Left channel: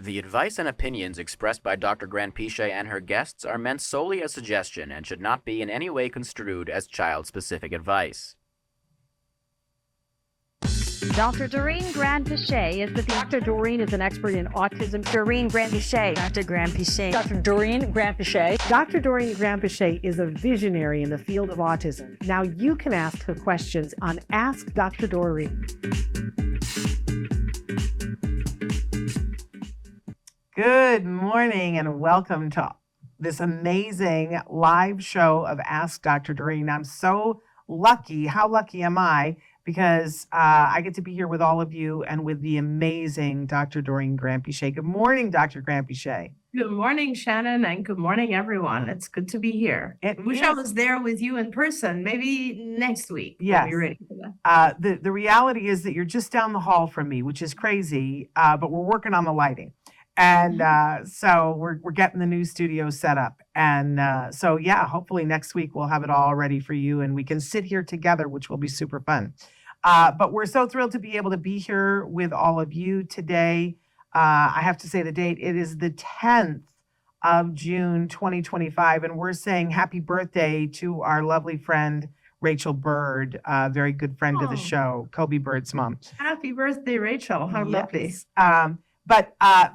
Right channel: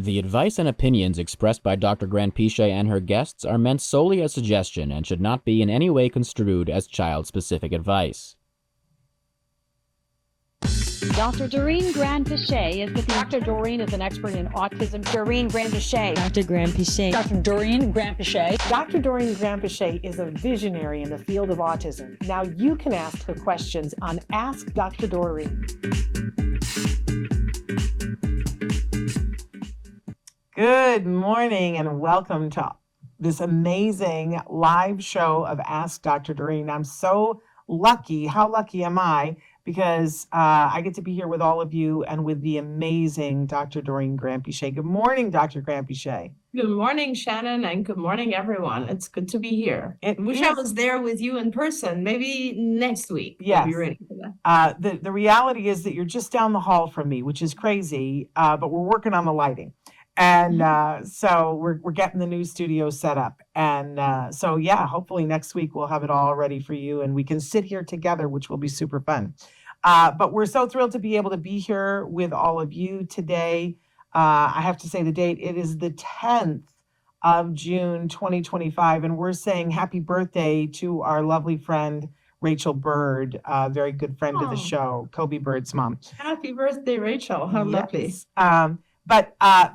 The advice and opinions expressed by Dr. Granpeesheh and her guests are meant solely as suggestion and should not be in any way construed as child-specific advice. Dr. Doreen Granpeesheh is Dr. Doreen is an expert in autism. Doreen Granpeesheh. Dr. Granpeesheh. Dr. Doreen Granpeesheh. Dr. Doreen Granpeesheh is a visionary in the field of autism. Now you can ask her questions on Ask Dr. Doreen. Good morning and welcome to this amazing live show of Ask Dr. Doreen. I'm so lucky. How lucky am I? Because I get to be here with all of you and with the amazing Dr. Doreen Granpeesheh. Good morning, Dr. Granpeesheh. Good morning, Shannon, and good morning, everyone. It's good to be here. And wish I was there with you in person, maybe next week. Yes. Be ready. The reality is that you're just down the hall from me, which is crazy, but we're working on the lighting. And so we're getting the new studio set up. And so, yeah, hopefully next week we'll have it all ready for you and we can sit here together, which will be super fun. But we're so thrilled to be able to be here with all of you today. I have to say the date. It is the 10th of June, 2025. And we're saying happy birthday to our lovely friend, Rachel Bird, a very good friend of the show, Kobe Bird's mom. Happy birthday, Rachel. How lovely. But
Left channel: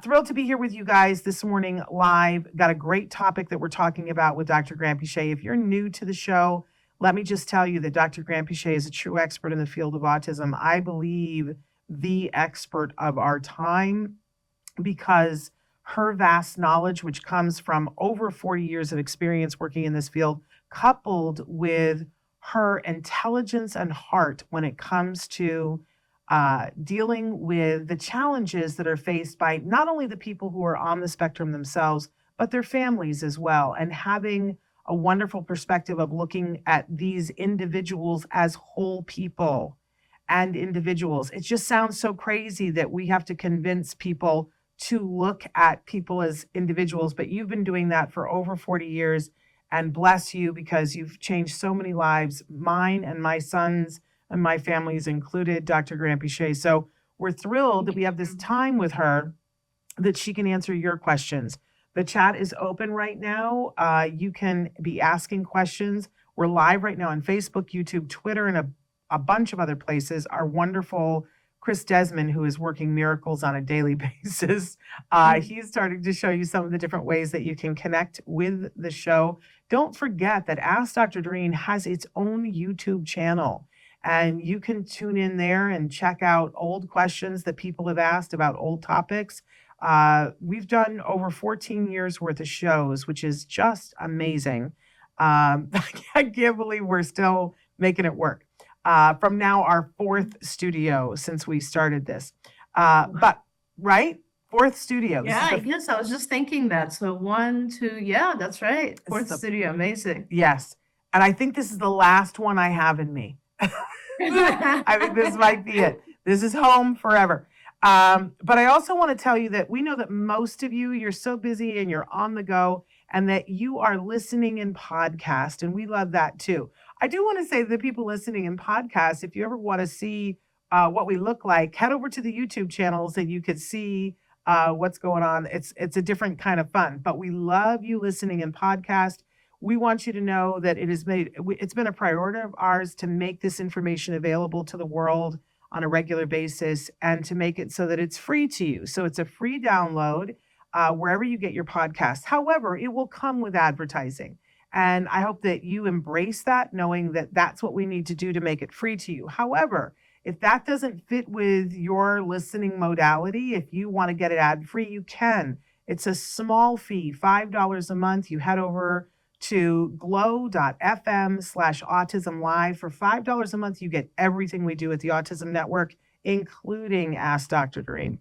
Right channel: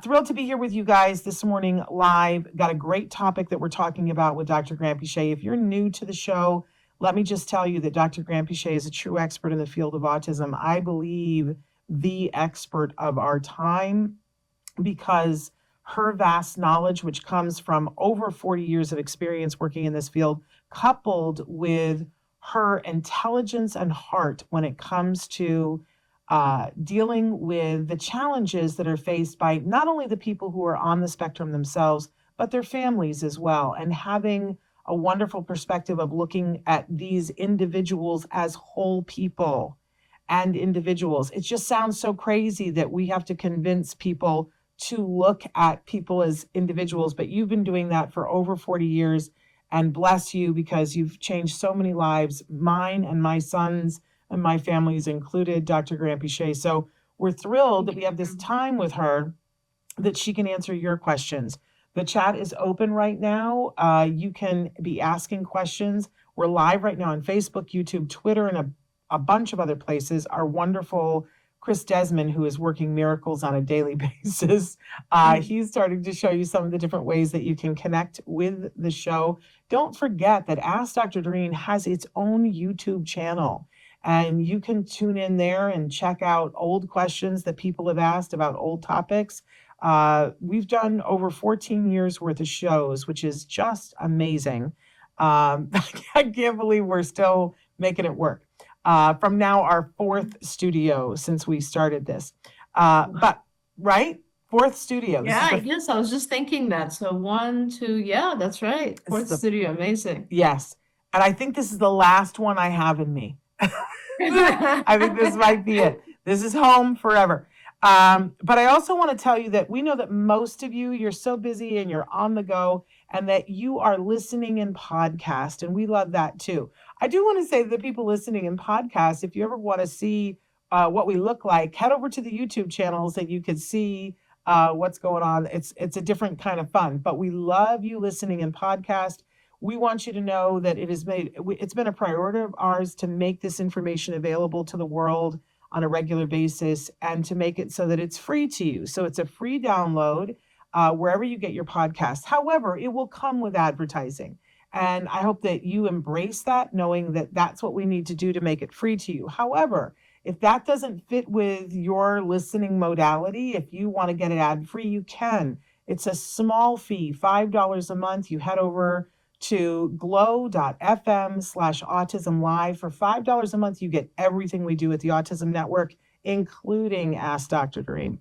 thrilled to be here with you guys this morning live. Got a great topic that we're talking about with Dr. Granpeesheh. If you're new to the show, let me just tell you that Dr. Granpeesheh is a true expert in the field of autism. I believe the expert of our time because her vast knowledge, which comes from over 40 years of experience working in this field, coupled with her intelligence and heart when it comes to dealing with the challenges that are faced by not only the people who are on the spectrum themselves, but their families as well, and having a wonderful perspective of looking at these individuals as whole people and individuals. It just sounds so crazy that we have to convince people to look at people as individuals, but you've been doing that for over 40 years, and bless you because you've changed so many lives, mine and my son's, and my family is included, Dr. Granpeesheh. So we're thrilled that we have this time with her that she can answer your questions. The chat is open right now. You can be asking questions. We're live right now on Facebook, YouTube, Twitter, and a bunch of other places. Our wonderful Chris Desmond, who is working miracles on a daily basis, he's starting to show you some of the different ways that you can connect with the show. Don't forget that Ask Dr. Doreen has its own YouTube channel. And you can tune in there and check out old questions that people have asked about old topics. We've done over 14 years worth of shows, which is just amazing. I can't believe we're still making it work. From now our fourth studio since we started this. But right? Fourth studio. Yeah, yes, I was just thinking that. So 1, 2, yeah, that's right. Fourth studio, amazing. Yes. And I think this is the last one I have in me. I think this might be it. This is home forever. But I also want to tell you that we know that most of you, you're so busy and you're on the go and that you are listening in podcast. And we love that too. I do want to say that people listening in podcast, if you ever want to see what we look like, head over to the YouTube channels and you can see what's going on. It's a different kind of fun, but we love you listening in podcast. We want you to know that it's been a priority of ours to make this information available to the world on a regular basis and to make it so that it's free to you. So it's a free download wherever you get your podcast. However, it will come with advertising. And I hope that you embrace that, knowing that that's what we need to do to make it free to you. However, if that doesn't fit with your listening modality, if you want to get it ad-free, you can. It's a small fee, $5 a month. You head over to glow.fm/autism live. For $5 a month, you get everything we do at the Autism Network, including Ask Dr. Doreen.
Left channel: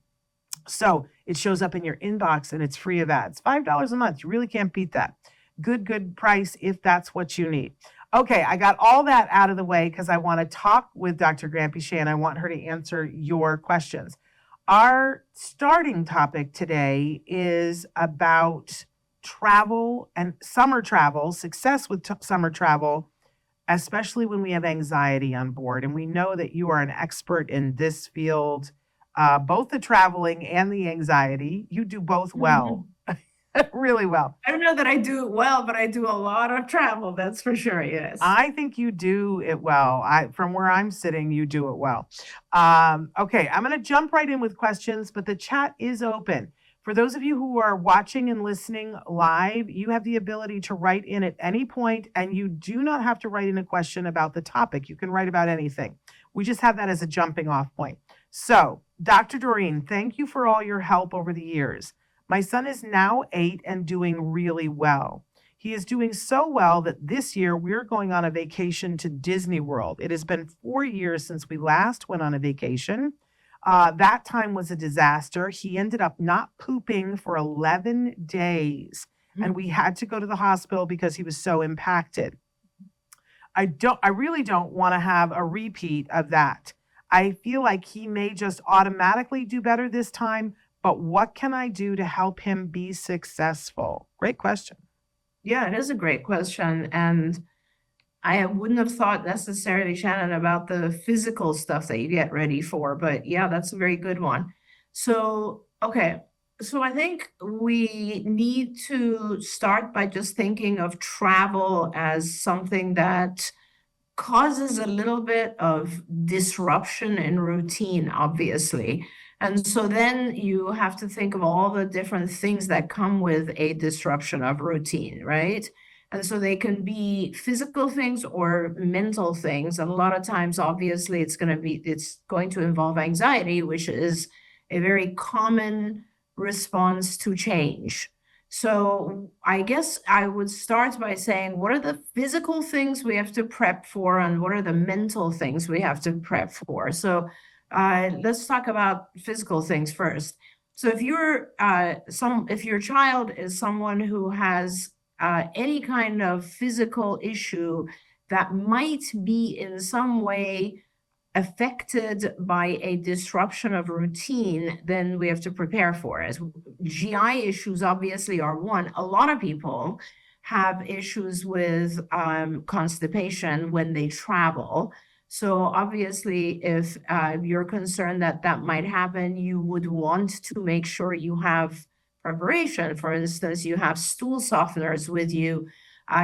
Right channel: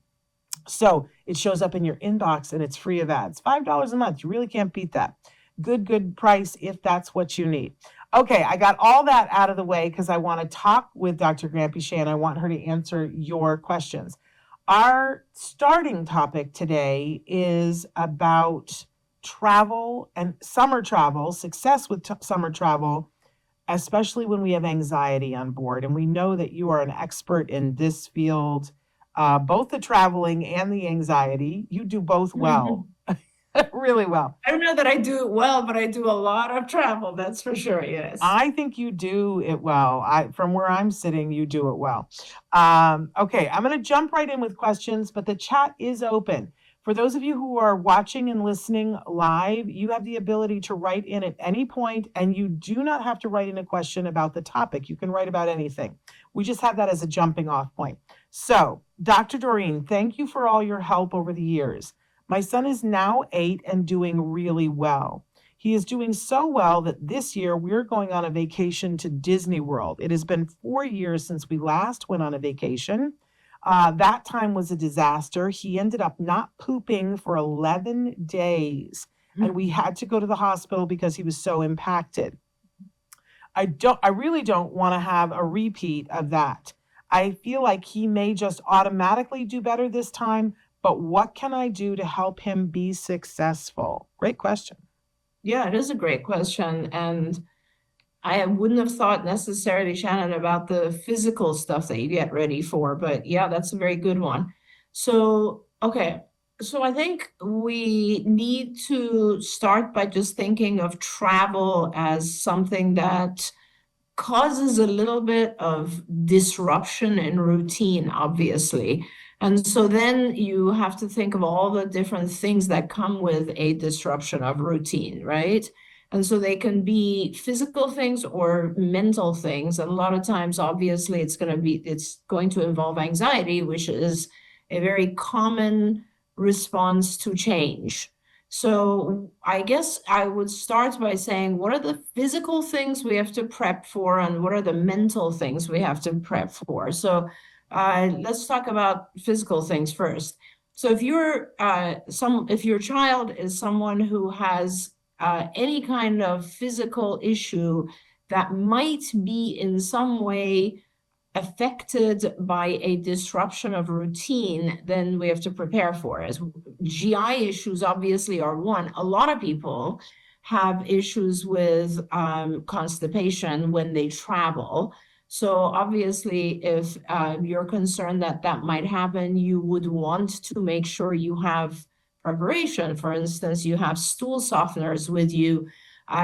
So it shows up in your inbox and it's free of ads. $5 a month. You really can't beat that. Good price if that's what you need. Okay, I got all that out of the way because I want to talk with Dr. Granpeesheh and I want her to answer your questions. Our starting topic today is about travel and summer travel, success with summer travel, especially when we have anxiety on board. And we know that you are an expert in this field both the traveling and the anxiety. You do both well, really well. I don't know that I do it well, but I do a lot of travel. That's for sure. Yes. I think you do it well. From where I'm sitting, you do it well. Okay, I'm going to jump right in with questions, but the chat is open. For those of you who are watching and listening live, you have the ability to write in at any point, and you do not have to write in a question about the topic. You can write about anything. We just have that as a jumping off point. So, Dr. Doreen, thank you for all your help over the years. My son is now 8 and doing really well. He is doing so well that this year we're going on a vacation to Disney World. It has been 4 years since we last went on a vacation. That time was a disaster. He ended up not pooping for 11 days, and we had to go to the hospital because he was so impacted. I really don't want to have a repeat of that. I feel like he may just automatically do better this time, but what can I do to help him be successful? Great question. Yeah, it is a great question. And I wouldn't have thought necessarily, Shannon, about the physical stuff that you get ready for, but yeah, that's a very good one. So, okay. So I think we need to start by just thinking of travel as something that causes a little bit of disruption in routine, obviously. And so then you have to think of all the different things that come with a disruption of routine, right? And so they can be physical things or mental things. And a lot of times, obviously, it's going to involve anxiety, which is a very common response to change. So I guess I would start by saying, what are the physical things we have to prep for, and what are the mental things we have to prep for? So let's talk about physical things first. So if if your child is someone who has any kind of physical issue that might be in some way affected by a disruption of routine, then we have to prepare for it. GI issues obviously are one. A lot of people have issues with constipation when they travel. So obviously, if you're concerned that that might happen, you would want to make sure you have preparation. For instance, you have stool softeners with you.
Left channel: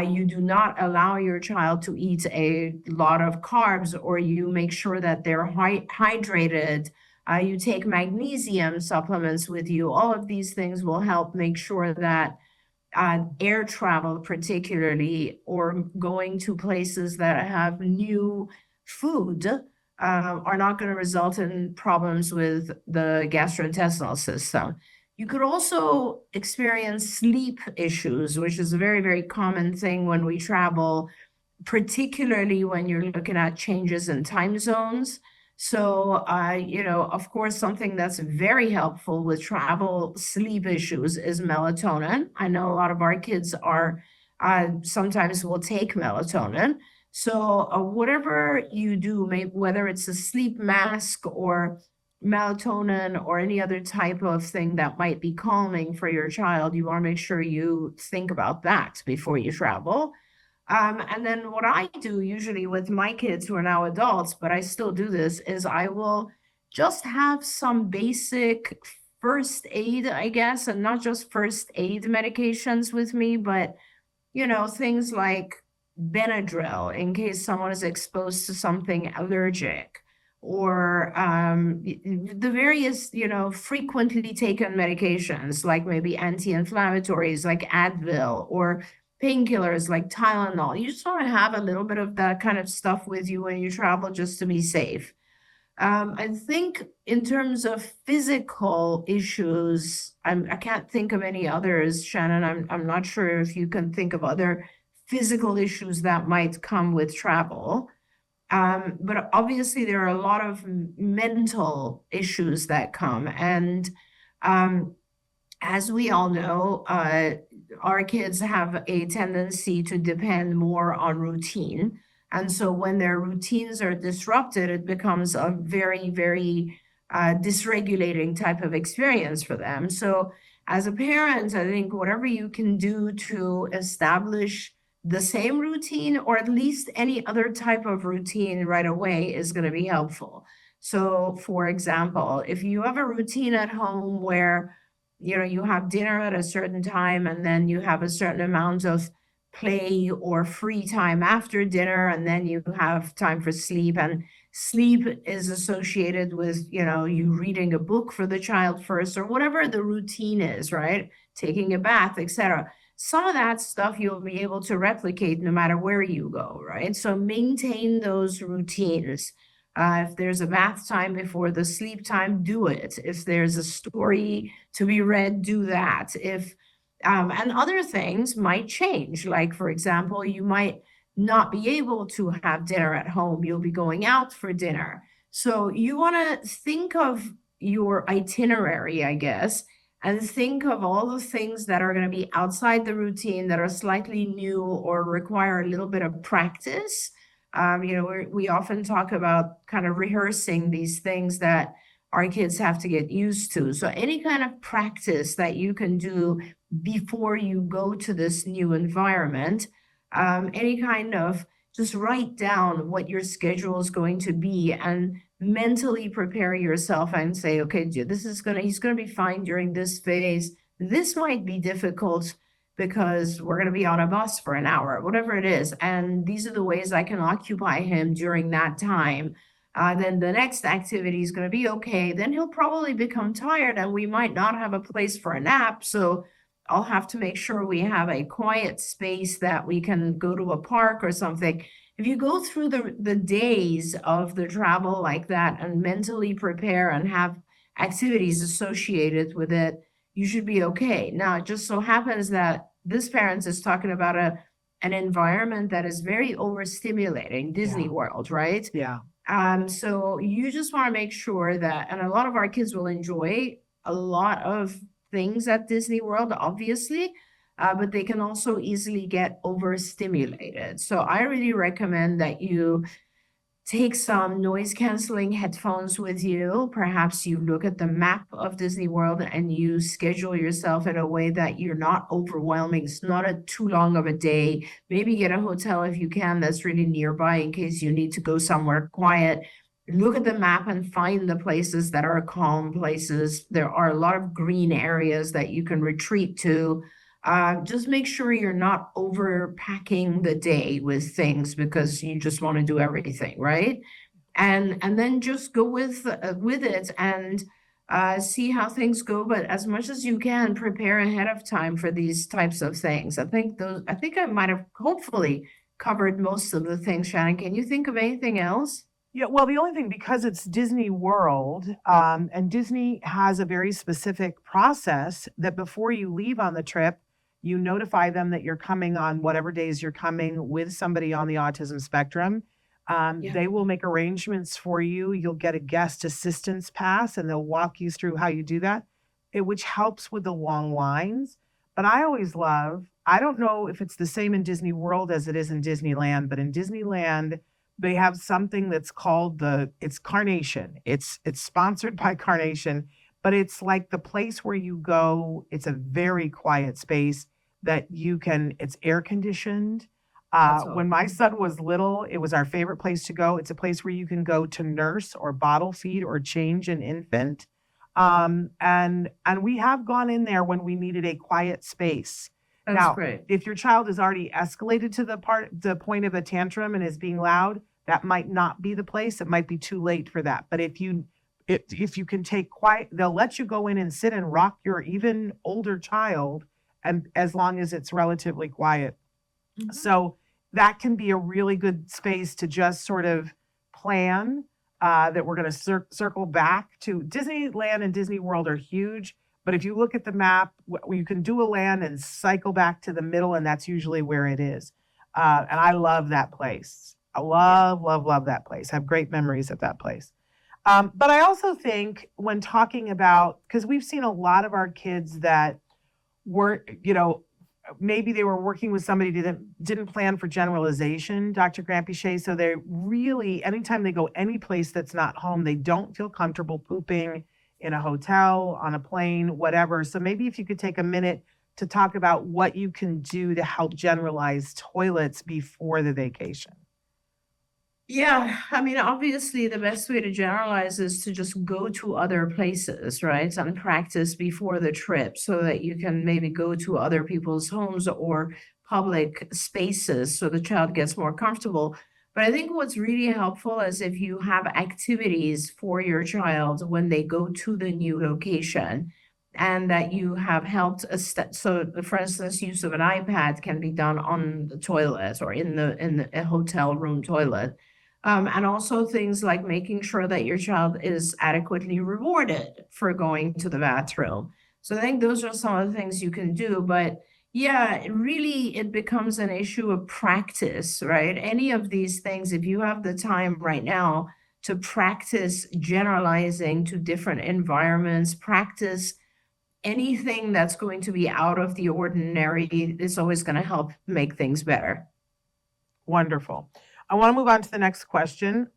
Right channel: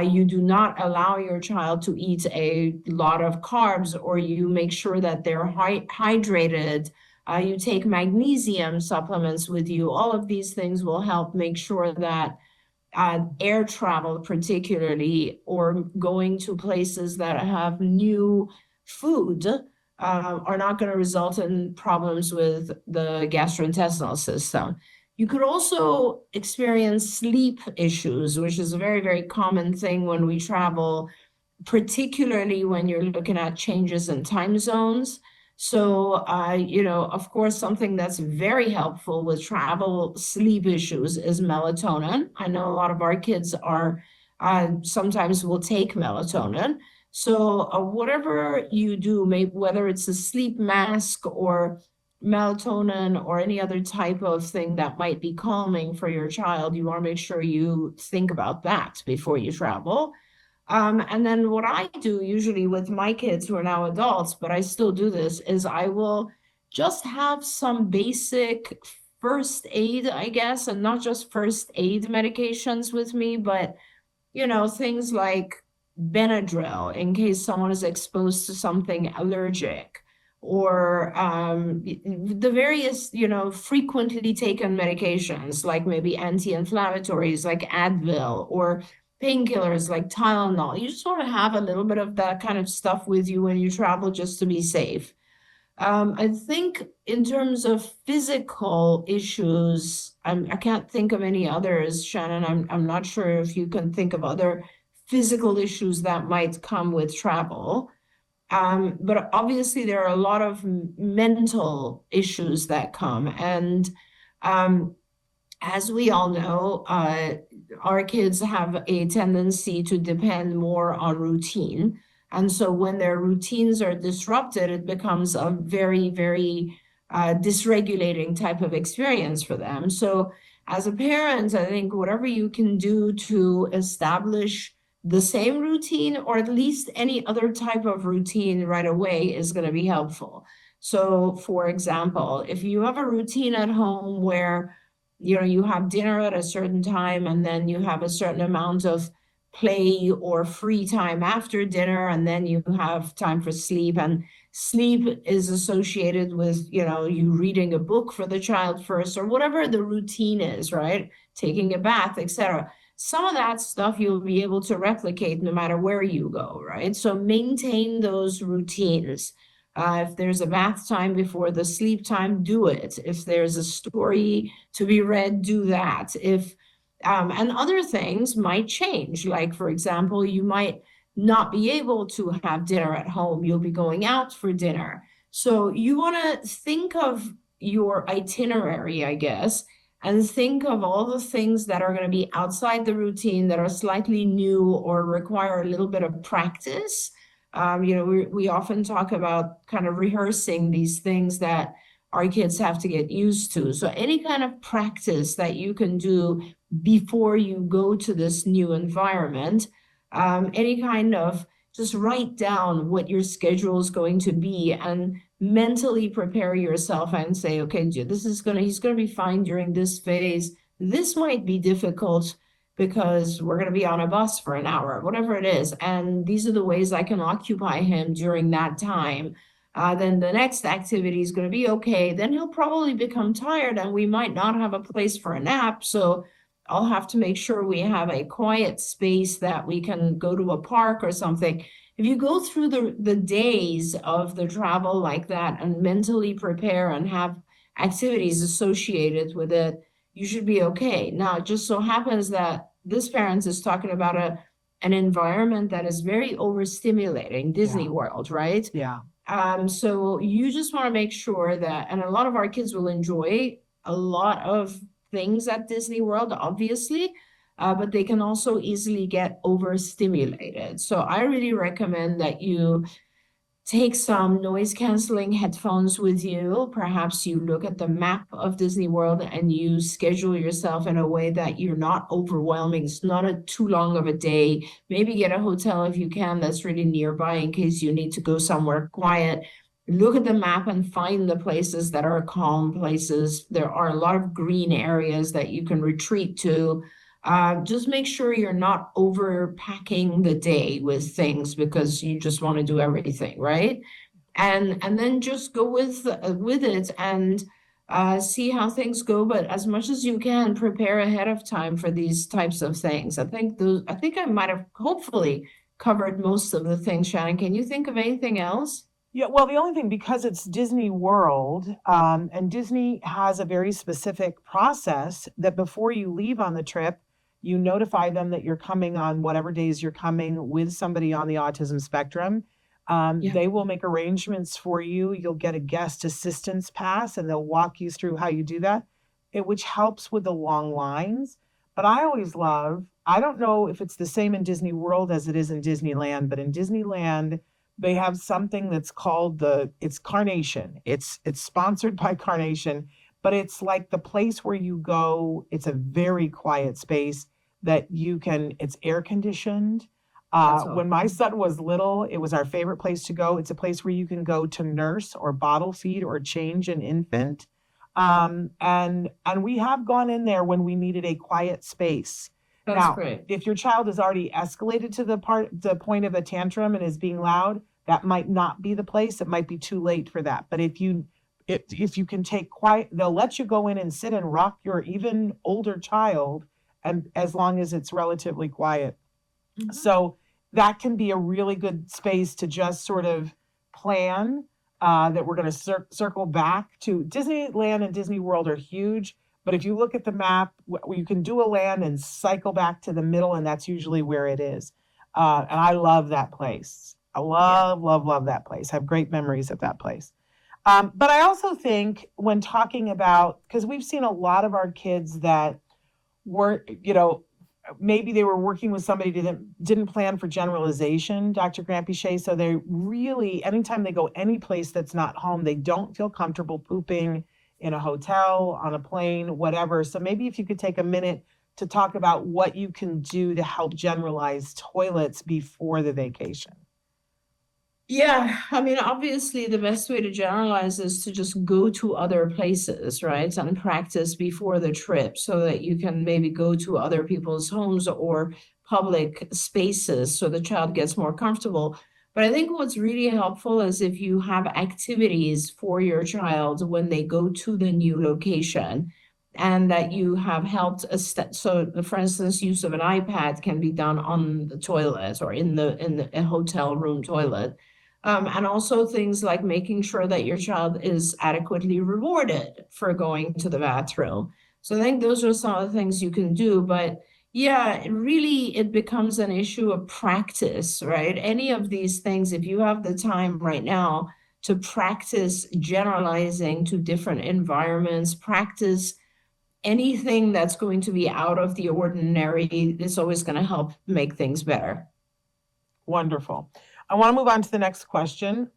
You do not allow your child to eat a lot of carbs, or you make sure that they're hydrated. You take magnesium supplements with you. All of these things will help make sure that air travel, particularly, or going to places that have new food, are not going to result in problems with the gastrointestinal system. You could also experience sleep issues, which is a very, very common thing when we travel, particularly when you're looking at changes in time zones. So, of course, something that's very helpful with travel sleep issues is melatonin. I know a lot of our kids sometimes will take melatonin. So whatever you do, maybe whether it's a sleep mask or melatonin or any other type of thing that might be calming for your child, you want to make sure you think about that before you travel. And then what I do usually with my kids who are now adults, but I still do this, is I will just have some basic first aid, I guess, and not just first aid medications with me, but, things like Benadryl in case someone is exposed to something allergic, or the various, frequently taken medications, like maybe anti-inflammatories like Advil, or painkillers like Tylenol. You just want to have a little bit of that kind of stuff with you when you travel, just to be safe. I think in terms of physical issues, I can't think of any others, Shannon. I'm not sure if you can think of other physical issues that might come with travel. But obviously there are a lot of mental issues that come. And as we all know, our kids have a tendency to depend more on routine. And so when their routines are disrupted, it becomes a very, very dysregulating type of experience for them. So as a parent, I think whatever you can do to establish the same routine, or at least any other type of routine right away, is going to be helpful. So, for example, if you have a routine at home where, you have dinner at a certain time and then you have a certain amount of play or free time after dinner, and then you have time for sleep, and sleep is associated with, you reading a book for the child first or whatever the routine is, right? Taking a bath, etc. Some of that stuff you'll be able to replicate no matter where you go, right? So maintain those routines. If there's a math time before the sleep time, do it. If there's a story to be read, do that. If and other things might change. Like, for example, you might not be able to have dinner at home. You'll be going out for dinner. So you want to think of your itinerary, I guess, and think of all the things that are going to be outside the routine that are slightly new or require a little bit of practice. We often talk about kind of rehearsing these things that our kids have to get used to. So any kind of practice that you can do before you go to this new environment, any kind of just write down what your schedule is going to be and mentally prepare yourself and say, okay, he's gonna be fine during this phase. This might be difficult because we're gonna be on a bus for an hour, whatever it is. And these are the ways I can occupy him during that time. Then the next activity is gonna be okay. Then he'll probably become tired and we might not have a place for a nap. So I'll have to make sure we have a quiet space that we can go to a park or something. If you go through the days of the travel like that and mentally prepare and have activities associated with it, you should be okay. Now, it just so happens that this parent is talking about an environment that is very overstimulating, Disney World, right? Yeah. So you just want to make sure that, and a lot of our kids will enjoy a lot of things at Disney World, obviously, but they can also easily get overstimulated. So I really recommend that you take some noise canceling headphones with you. Perhaps you look at the map of Disney World and you schedule yourself in a way that you're not overwhelming. It's not a too long of a day. Maybe get a hotel if you can that's really nearby in case you need to go somewhere quiet. Look at the map and find the places that are calm places. There are a lot of green areas that you can retreat to. Just make sure you're not overpacking the day with things because you just want to do everything, right? And then just go with it and see how things go. But as much as you can, prepare ahead of time for these types of things. I think I might have hopefully covered most of the things. Shannon, can you think of anything else? Yeah, well, the only thing, because it's Disney World, and Disney has a very specific process that before you leave on the trip, you notify them that you're coming on whatever days you're coming with somebody on the autism spectrum. They will make arrangements for you. You'll get a guest assistance pass and they'll walk you through how you do that, which helps with the long lines. But I always love, I don't know if it's the same in Disney World as it is in Disneyland, but in Disneyland, they have something that's called it's Carnation. It's sponsored by Carnation, but it's like the place where you go. It's a very quiet space that it's air conditioned. When my son was little, it was our favorite place to go. It's a place where you can go to nurse or bottle feed or change an infant. And we have gone in there when we needed a quiet space. That's Now, great. if your child has already escalated to the point of a tantrum and is being loud, that might not be the place. It might be too late for that. But if you can take quiet, they'll let you go in and sit and rock your even older child, and as long as it's relatively quiet. So that can be a really good space to just sort of plan that we're going to circle back to. Disneyland and Disney World are huge. But if you look at the map, you can do a land and cycle back to the middle, and that's usually where it is. And I love that place. I love, love, love that place. I have great memories of that place. But I also think when talking about, because we've seen a lot of our kids that weren't, maybe they were working with somebody that didn't plan for generalization, Dr. Granpeesheh. So they really, anytime they go any place that's not home, they don't feel comfortable pooping in a hotel, on a plane, whatever. So maybe if you could take a minute to talk about what you can do to help generalize toilets before the vacation. Yeah, I mean, obviously, the best way to generalize is to just go to other places, right? And practice before the trip so that you can maybe go to other people's homes or public spaces so the child gets more comfortable. But I think what's really helpful is if you have activities for your child when they go to the new location and that you have helped. So, for instance, use of an iPad can be done on the toilet or in a hotel room toilet, and also things like making sure that your child is adequately rewarded for going to the bathroom. So I think those are some of the things you can do. But yeah, it becomes an issue of practice, right? Any of these things, if you have the time right now to practice generalizing to different environments, practice anything that's going to be out of the ordinary, it's always going to help make things better. Wonderful. I want to move on to the next question.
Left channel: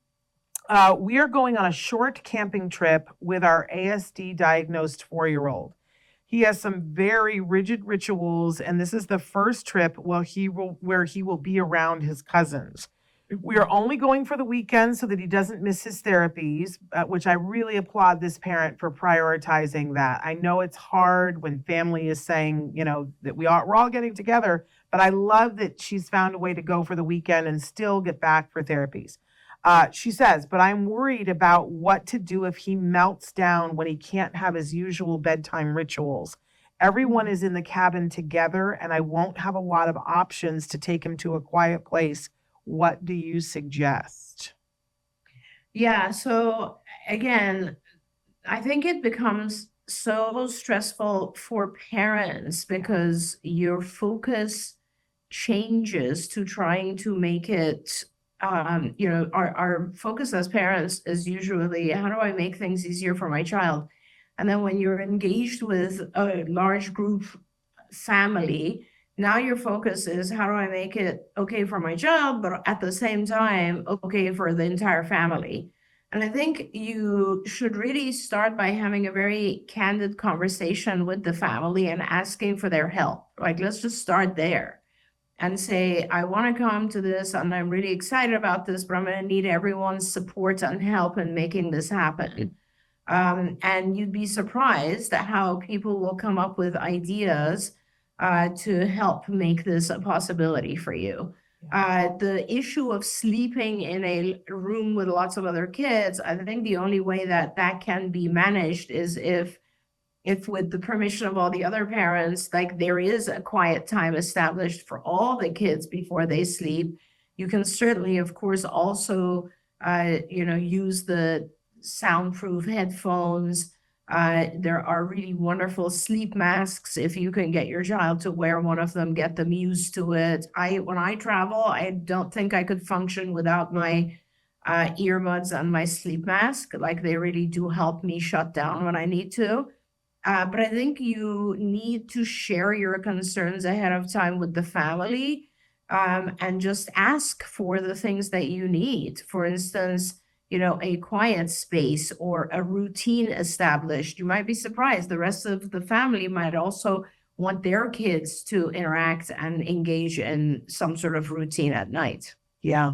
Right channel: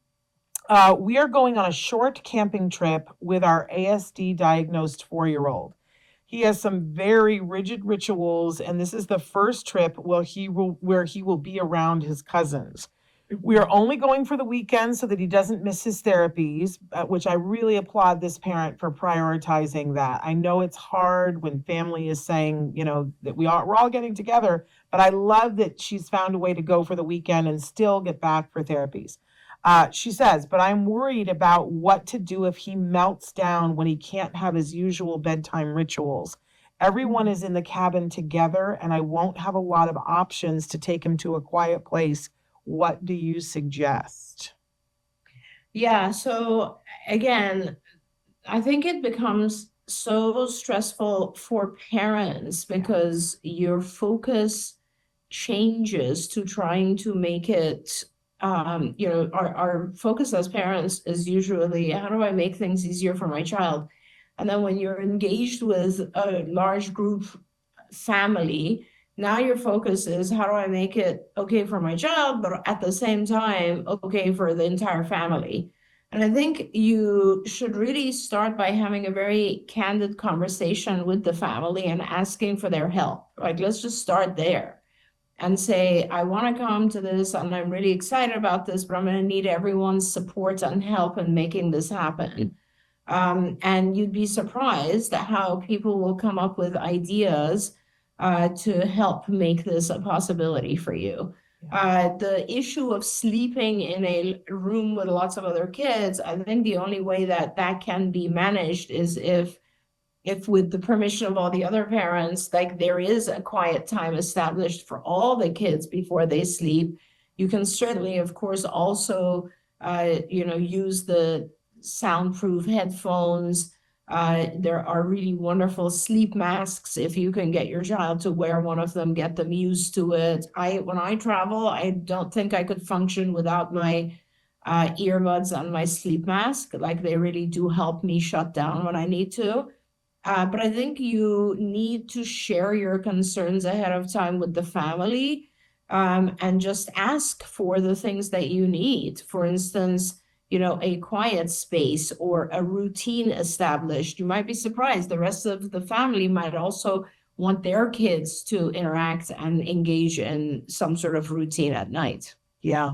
We are going on a short camping trip with our ASD diagnosed 4-year-old. He has some very rigid rituals, and this is the first trip where he will be around his cousins. We are only going for the weekend so that he doesn't miss his therapies, which I really applaud this parent for prioritizing that. I know it's hard when family is saying, that we're all getting together, but I love that she's found a way to go for the weekend and still get back for therapies. She says, but I'm worried about what to do if he melts down when he can't have his usual bedtime rituals. Everyone is in the cabin together, and I won't have a lot of options to take him to a quiet place. What do you suggest? Yeah. So again, I think it becomes so stressful for parents because your focus changes to trying to make it, our focus as parents is usually how do I make things easier for my child? And then when you're engaged with a large group family, now your focus is how do I make it okay for my child, but at the same time, okay for the entire family. And I think you should really start by having a very candid conversation with the family and asking for their help. Like, let's just start there and say, I want to come to this and I'm really excited about this, but I'm going to need everyone's support and help in making this happen. And you'd be surprised at how people will come up with ideas to help make this a possibility for you. The issue of sleeping in a room with lots of other kids, I think the only way that that can be managed is if with the permission of all the other parents, like there is a quiet time established for all the kids before they sleep. You can certainly, of course, also, use the soundproof headphones. There are really wonderful sleep masks. If you can get your child to wear one of them, get them used to it. When I travel, I don't think I could function without my earbuds and my sleep mask. Like they really do help me shut down when I need to. But I think you need to share your concerns ahead of time with the family, and just ask for the things that you need. For instance, a quiet space or a routine established. You might be surprised. The rest of the family might also want their kids to interact and engage in some sort of routine at night. Yeah.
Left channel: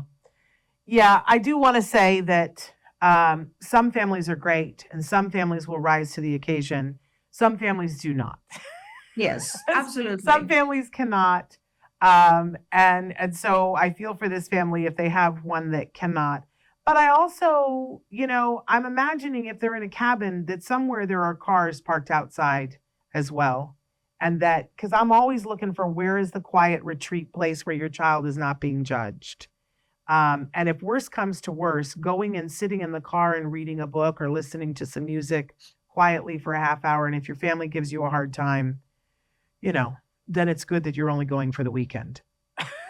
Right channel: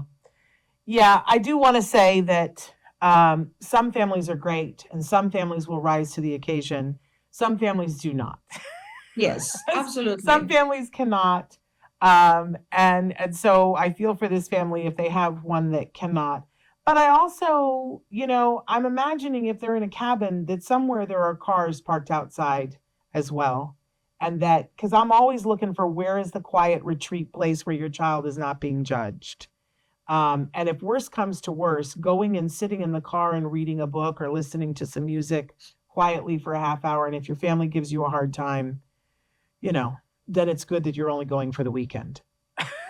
Yeah. I do want to say that some families are great and some families will rise to the occasion. Some families do not. Yes, absolutely. Some families cannot. And so I feel for this family if they have one that cannot. But I also, I'm imagining if they're in a cabin that somewhere there are cars parked outside as well. And that, because I'm always looking for where is the quiet retreat place where your child is not being judged. And if worse comes to worse, going and sitting in the car and reading a book or listening to some music quietly for a half hour. And if your family gives you a hard time, then it's good that you're only going for the weekend.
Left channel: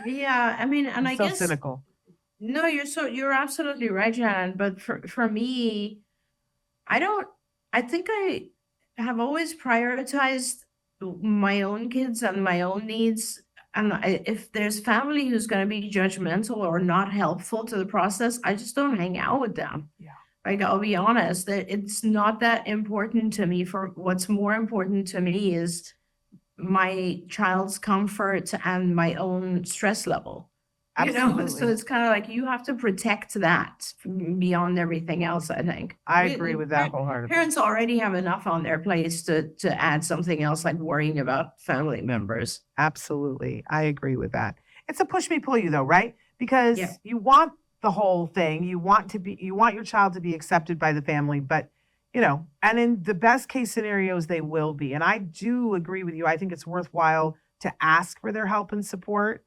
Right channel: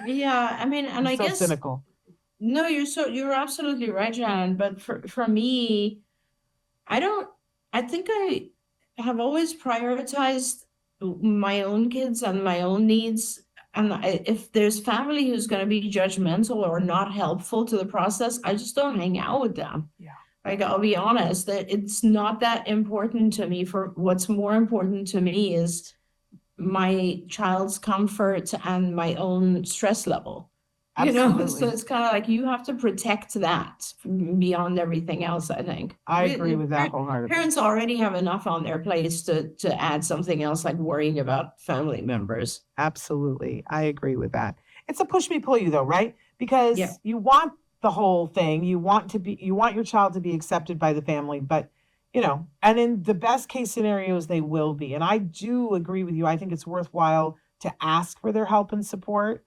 Yeah, I mean, and I So guess cynical. no, you're absolutely right, Jan. But for me, I think I have always prioritized my own kids and my own needs. And if there's family who's going to be judgmental or not helpful to the process, I just don't hang out with them. Like, I'll be honest that it's not that important to me. For what's more important to me is my child's comfort and my own stress level. So it's kind of like you have to protect that beyond everything else, I think. I agree with that wholeheartedly. Parents already have enough on their plates to add something else like worrying about family members. Absolutely. I agree with that. It's a push me pull you though, right? Because Yes. you want the whole thing. You want your child to be accepted by the family, but and in the best case scenarios, they will be. And I do agree with you. I think it's worthwhile to ask for their help and support.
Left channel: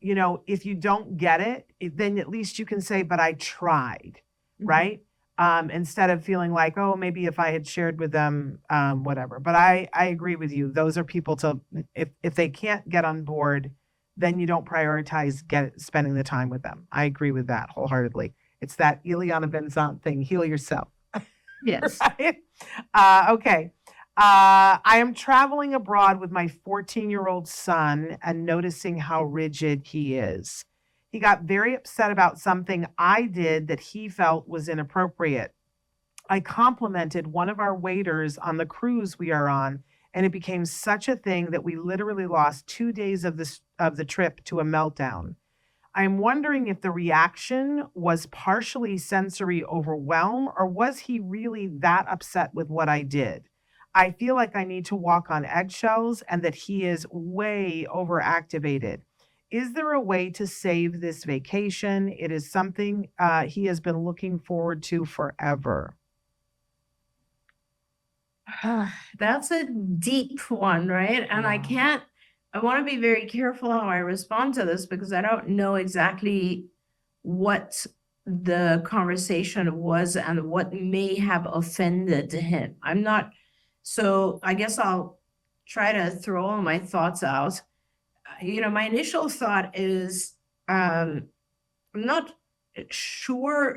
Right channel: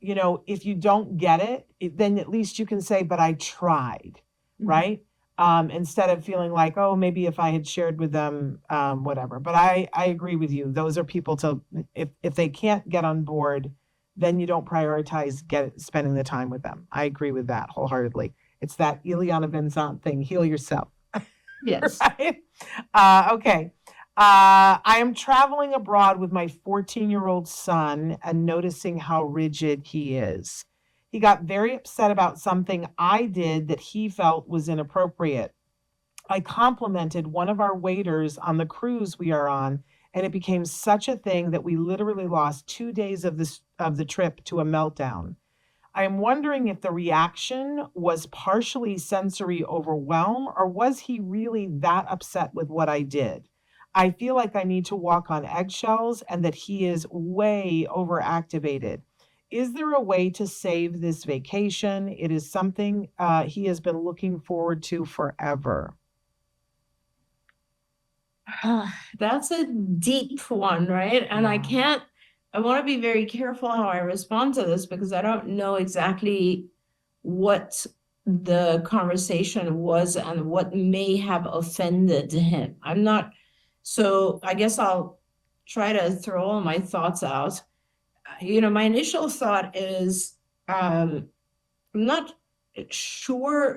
If you don't get it, then at least you can say, but I tried, right? Instead of feeling like, oh, maybe if I had shared with them, whatever. But I agree with you. Those are people if they can't get on board, then you don't prioritize spending the time with them. I agree with that wholeheartedly. It's that Ileana Benzant thing, heal yourself. Yes. Okay. I am traveling abroad with my 14-year-old son and noticing how rigid he is. He got very upset about something I did that he felt was inappropriate. I complimented one of our waiters on the cruise we are on, and it became such a thing that we literally lost 2 days of the trip to a meltdown. I am wondering if the reaction was partially sensory overwhelm, or was he really that upset with what I did? I feel like I need to walk on eggshells and that he is way overactivated. Is there a way to save this vacation? It is something he has been looking forward to forever. That's a deep one, right? And I want to be very careful how I respond to this because I don't know exactly what the conversation was and what may have offended him. So I guess I'll try to throw all my thoughts out. My initial thought is I'm not sure,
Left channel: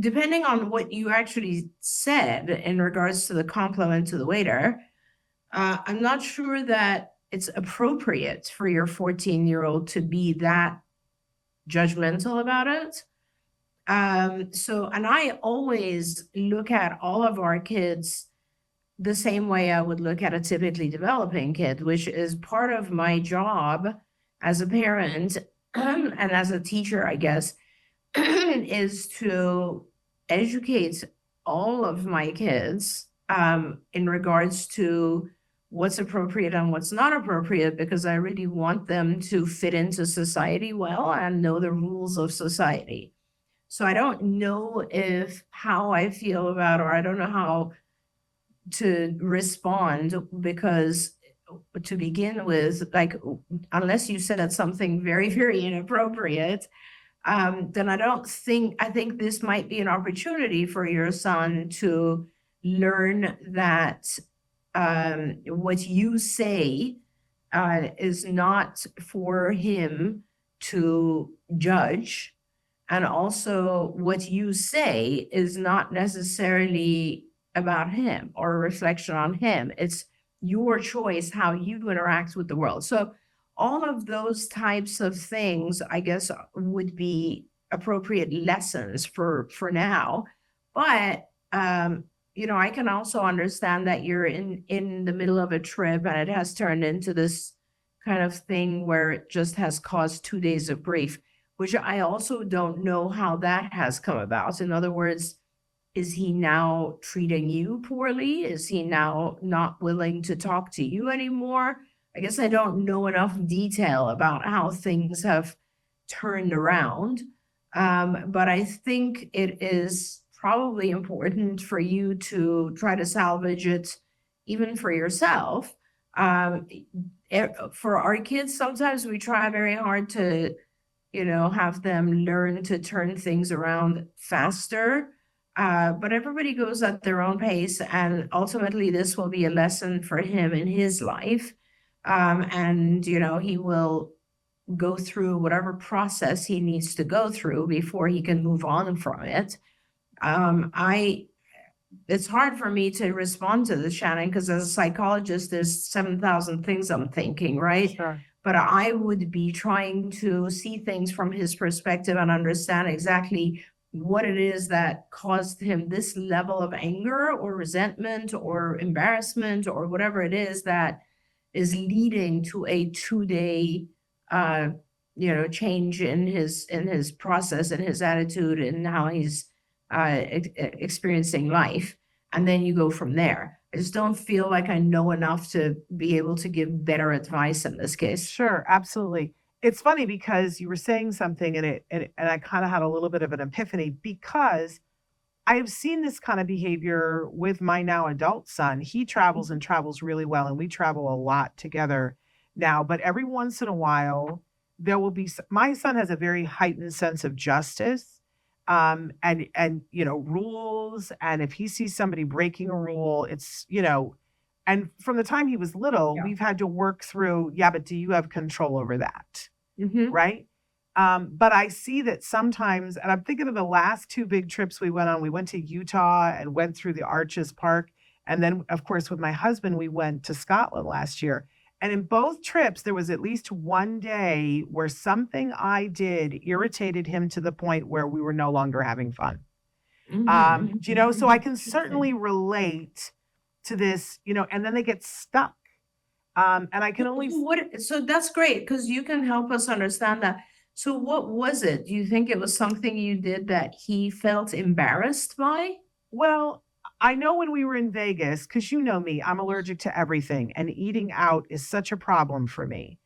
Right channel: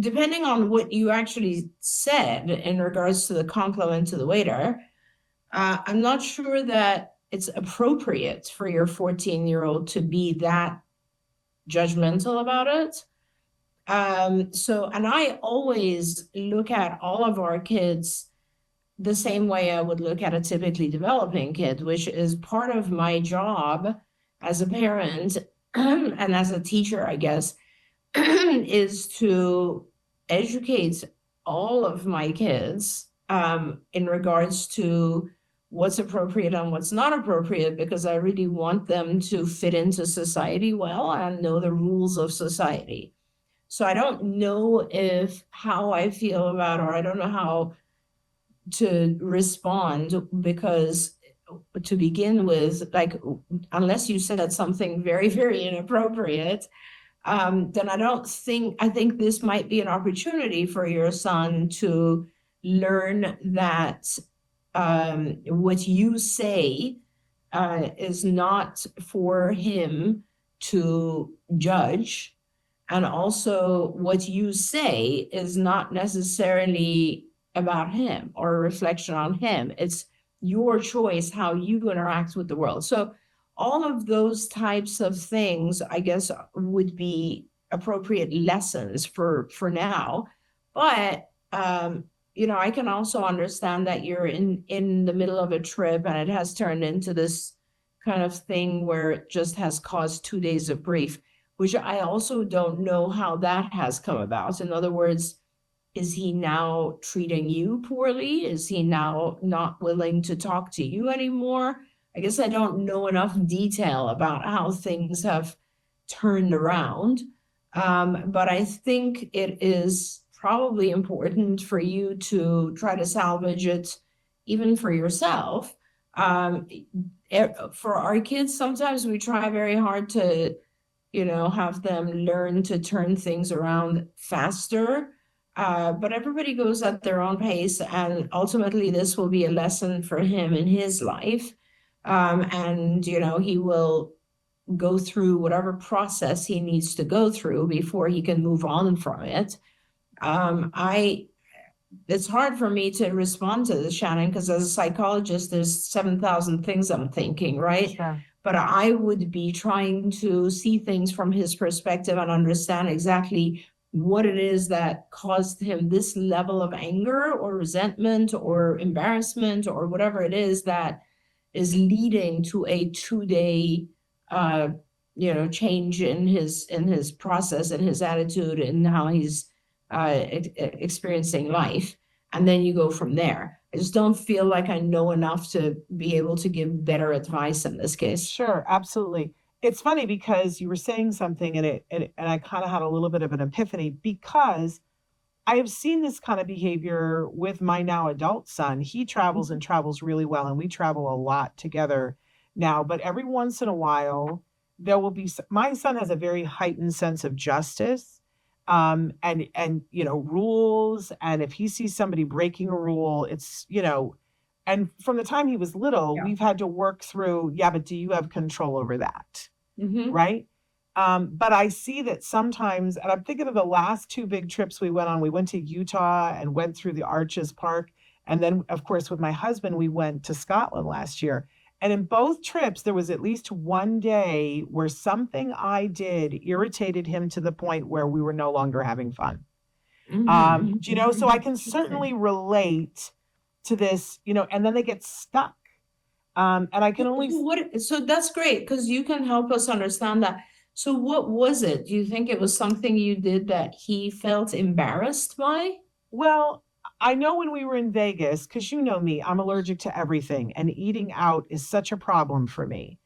depending on what you actually said in regards to the compliment to the waiter, I'm not sure that it's appropriate for your 14-year-old to be that judgmental about it. And I always look at all of our kids the same way I would look at a typically developing kid, which is part of my job as a parent and as a teacher, I guess, is to educate all of my kids in regards to what's appropriate and what's not appropriate, because I really want them to fit into society well and know the rules of society. So I don't know how I feel about, or I don't know how to respond, because to begin with, like, unless you said it's something very, very inappropriate, then I think this might be an opportunity for your son to learn that what you say is not for him to judge. And also what you say is not necessarily about him or a reflection on him. It's your choice how you interact with the world. So all of those types of things, I guess, would be appropriate lessons for now. But I can also understand that you're in the middle of a trip and it has turned into this kind of thing where it just has caused 2 days of grief, which I also don't know how that has come about. In other words, is he now treating you poorly? Is he now not willing to talk to you anymore? I guess I don't know enough detail about how things have turned around. But I think it is probably important for you to try to salvage it, even for yourself. For our kids, sometimes we try very hard to, have them learn to turn things around faster. But everybody goes at their own pace, and ultimately this will be a lesson for him in his life. And he will go through whatever process he needs to go through before he can move on from it. It's hard for me to respond to this, Shannon, because as a psychologist, there's 7,000 things I'm thinking, right? Sure. But I would be trying to see things from his perspective and understand exactly what it is that caused him this level of anger or resentment or embarrassment or whatever it is that is leading to a 2-day change in his process and his attitude and how he's experiencing life. And then you go from there. I just don't feel like I know enough to be able to give better advice in this case. Sure, absolutely. It's funny because you were saying something and I kind of had a little bit of an epiphany because I have seen this kind of behavior with my now adult son. He travels and travels really well, and we travel a lot together now. But every once in a while, there will be my son has a very heightened sense of justice, and rules. And if he sees somebody breaking a rule, and from the time he was little, we've had to work through. Yeah, but do you have control over that? Right. But I see that sometimes, and I'm thinking of the last two big trips we went on. We went to Utah and went through the Arches Park. And then, of course, with my husband, we went to Scotland last year. And in both trips, there was at least one day where something I did irritated him to the point where we were no longer having fun. So I can certainly relate to this, and then they get stuck. And I can only. So that's great because you can help us understand that. So what was it? Do you think it was something you did that he felt embarrassed by? Well, I know when we were in Vegas, because you know me, I'm allergic to everything, and eating out is such a problem for me.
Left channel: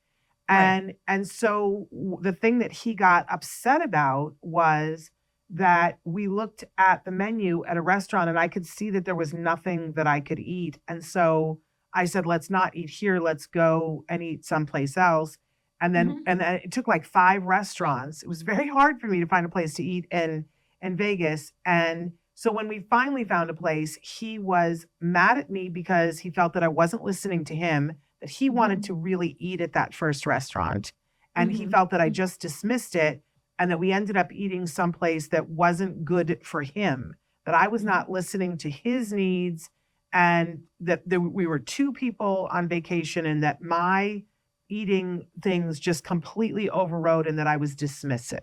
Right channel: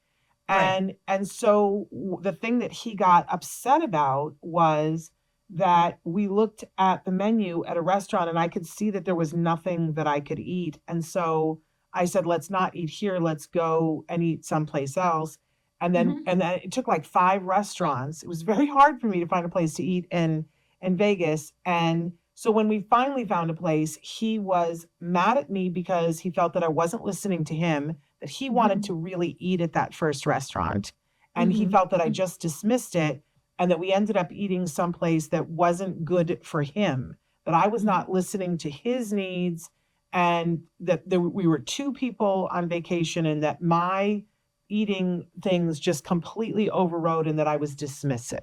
And so the thing that he got upset about was that we looked at the menu at a restaurant and I could see that there was nothing that I could eat. And so I said, let's not eat here. Let's go and eat someplace else. And then it took like 5 restaurants. It was very hard for me to find a place to eat in Vegas. And so when we finally found a place, he was mad at me because he felt that I wasn't listening to him, that he wanted to really eat at that first restaurant. And he felt that I just dismissed it and that we ended up eating someplace that wasn't good for him, that I was not listening to his needs, and that we were 2 people on vacation and that my eating things just completely overrode and that I was dismissive.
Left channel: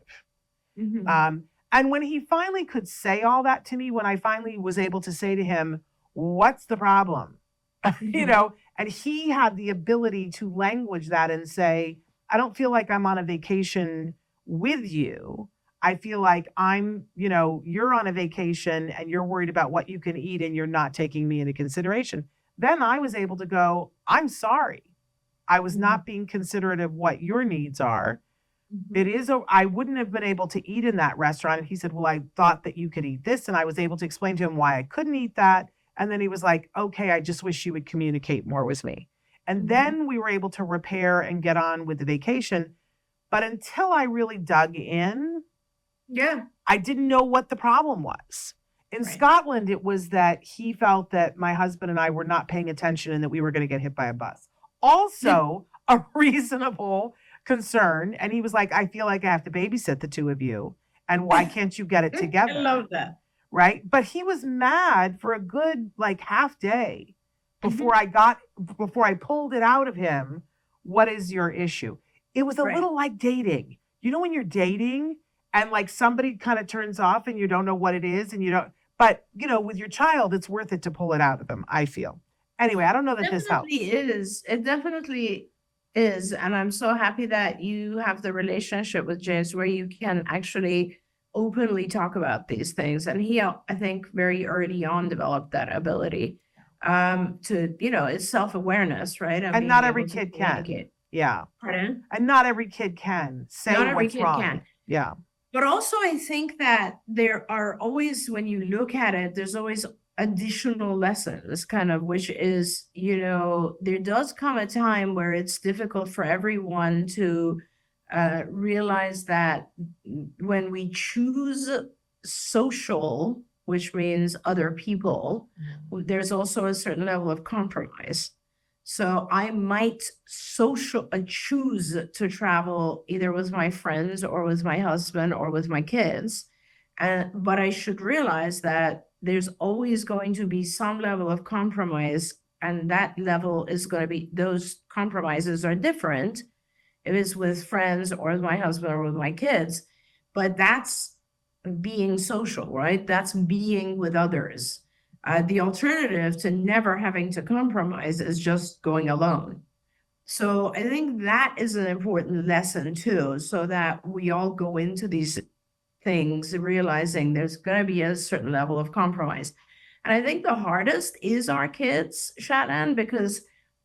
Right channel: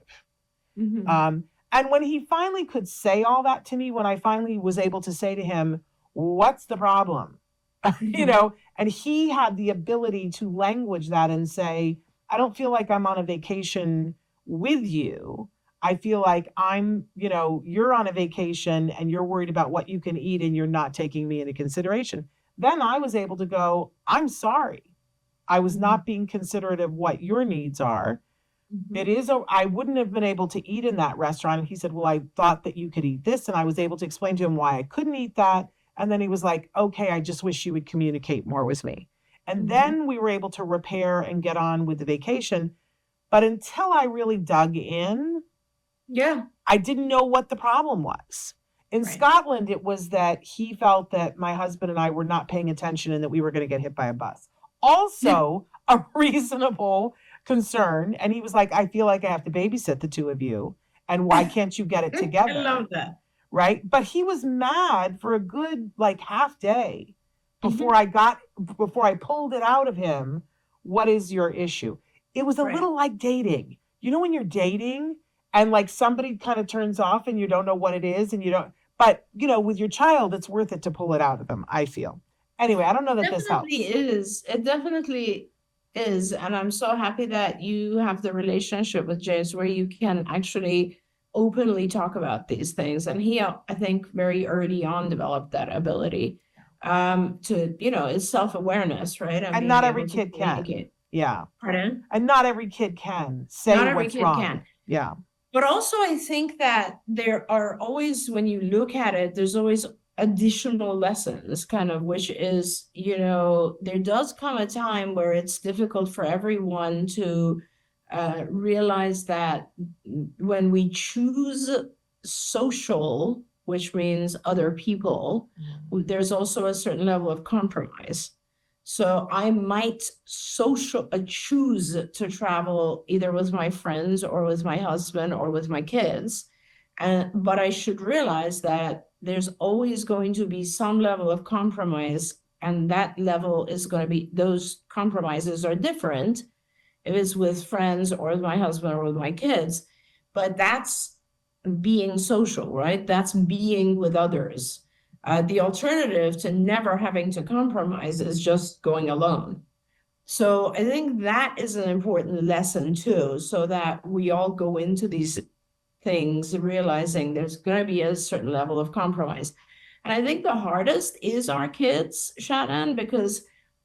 And when he finally could say all that to me, when I finally was able to say to him, what's the problem? And he had the ability to language that and say, I don't feel like I'm on a vacation with you. I feel like you're on a vacation and you're worried about what you can eat and you're not taking me into consideration. Then I was able to go, I'm sorry. I was not being considerate of what your needs are. I wouldn't have been able to eat in that restaurant. And he said, well, I thought that you could eat this. And I was able to explain to him why I couldn't eat that. And then he was like, okay, I just wish you would communicate more with me. And then we were able to repair and get on with the vacation. But until I really dug in, I didn't know what the problem was. In Scotland, it was that he felt that my husband and I were not paying attention and that we were going to get hit by a bus. Also a reasonable concern. And he was like, I feel like I have to babysit the 2 of you. And why can't you get it together? Right. But he was mad for a good half day before I pulled it out of him. What is your issue? It was a little like dating. When you're dating and somebody kind of turns off and you don't know what it is and you don't, but with your child, it's worth it to pull it out of them, I feel. Anyway, I don't know that this helps. It definitely is. And I'm so happy that you have the relationship with Jace where you can actually openly talk about these things. And he, I think, very early on developed that ability to, is self-awareness, right? And not every kid can. Yeah. Mm-hmm. And not every kid can say what's wrong. Yeah. But also I think that there are always, when you look at it, there's always additional lessons which is, there does come a time where it's difficult for everyone to realize that when we choose social, which means other people, there's also a certain level of compromise. So I might choose to travel either with my friends or with my husband or with my kids. But I should realize that there's always going to be some level of compromise. And that level is going to be, those compromises are different if it's with friends or with my husband or with my kids. But that's being social, right? That's being with others. The alternative to never having to compromise is just going alone. So I think that is an important lesson too, so that we all go into these things realizing there's going to be a certain level of compromise. And I think the hardest is our kids, Shannon, because,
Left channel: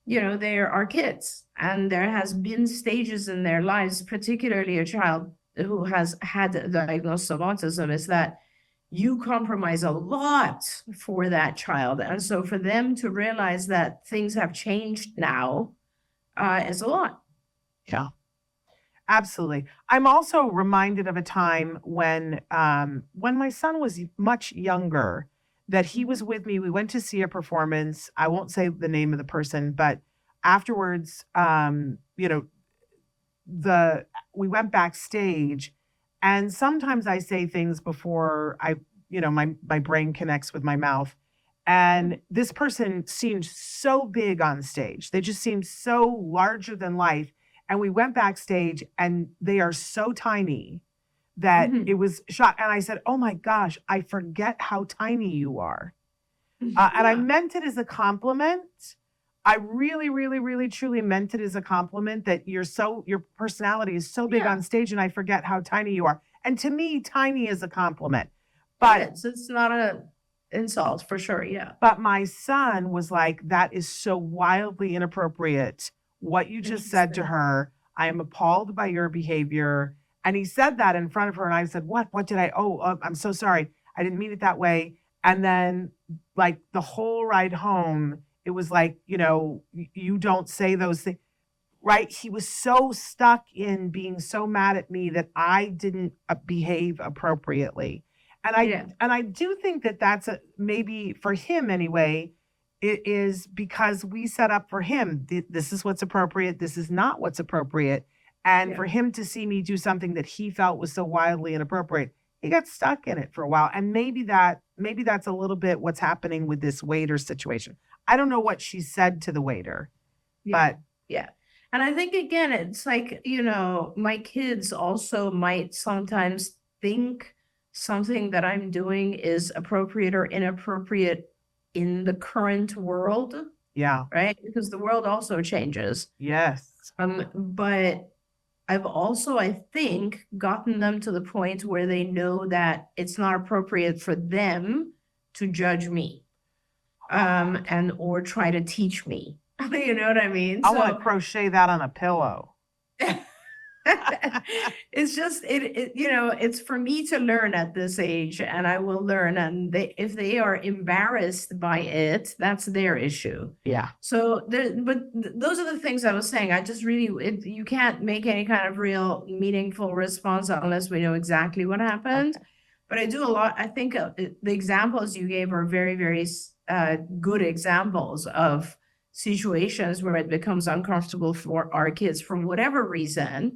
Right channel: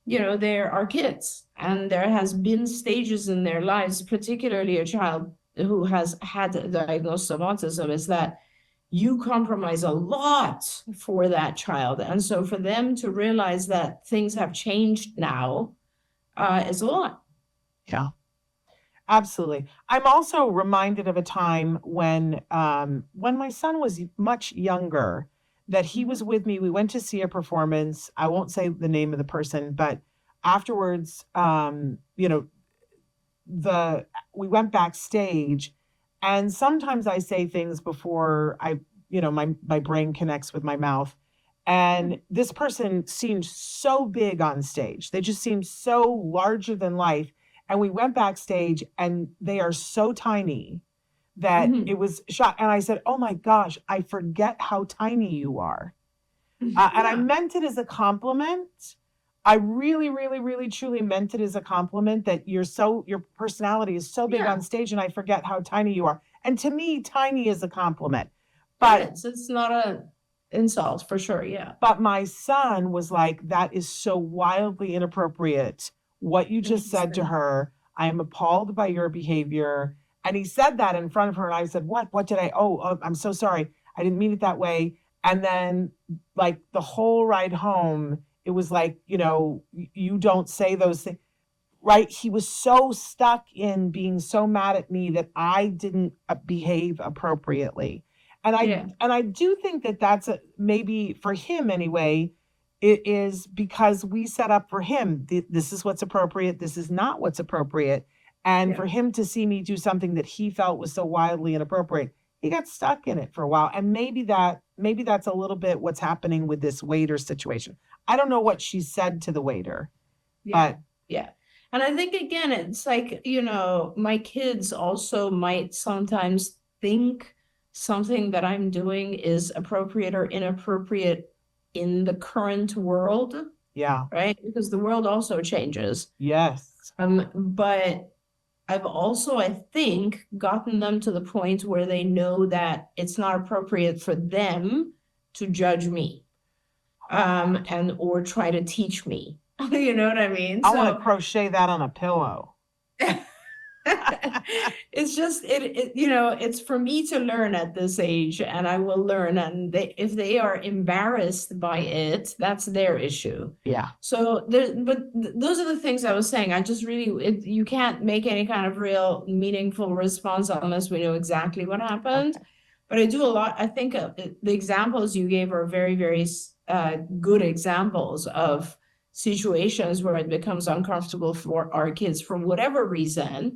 they're our kids. And there has been stages in their lives, particularly a child who has had the diagnosis of autism, is that you compromise a lot for that child. And so for them to realize that things have changed now is a lot. Yeah. Absolutely. I'm also reminded of a time when my son was much younger, that he was with me. We went to see a performance. I won't say the name of the person, but afterwards, we went backstage, and sometimes I say things before my brain connects with my mouth. And this person seemed so big on stage. They just seemed so larger than life. And we went backstage, and they are so tiny that Mhm. it was shock. And I said, "Oh my gosh, I forget how tiny you are." And I meant it as a compliment. I really, really, really, truly meant it as a compliment, that your personality is so big on stage, and I forget how tiny you are. And to me, tiny is a compliment. But It's not a insult for sure. Yeah. But my son was like, "That is so wildly inappropriate. What you just said to her, I am appalled by your behavior." And he said that in front of her. And I said, "What? What did I? I'm so sorry. I didn't mean it that way." And then, like, the whole ride home, it was like, you don't say those things, right? He was so stuck in being so mad at me that I didn't behave appropriately. And Yeah. I do think that that's maybe for him anyway, it is because we set up for him. This is what's appropriate. This is not what's appropriate. And for him to see me do something that he felt was so wildly inappropriate, he got stuck in it for a while. And maybe that's a little bit what's happening with this waiter situation. I don't know what she said to the waiter, but Yeah. And I think, again, it's like, my kids also might sometimes think something that I'm doing is appropriate or inappropriate in the current world, yeah, right? Because the world also changes. yes, But I've also, I think, gotten them to the point where they know that it's not appropriate for them to judge me, or try to teach me. You know what I mean? I want to crochet that on a pillow. It's just it's for me to learn at this age, and I will learn. And if they are embarrassed by it, that's their issue. Yeah. So those are the things I was saying. I just really, you can't make any kind of real meaningful response unless we know exactly what happened. But I do a lot. I think the examples you gave are very, very good examples of situations where it becomes uncomfortable for our kids for whatever reason.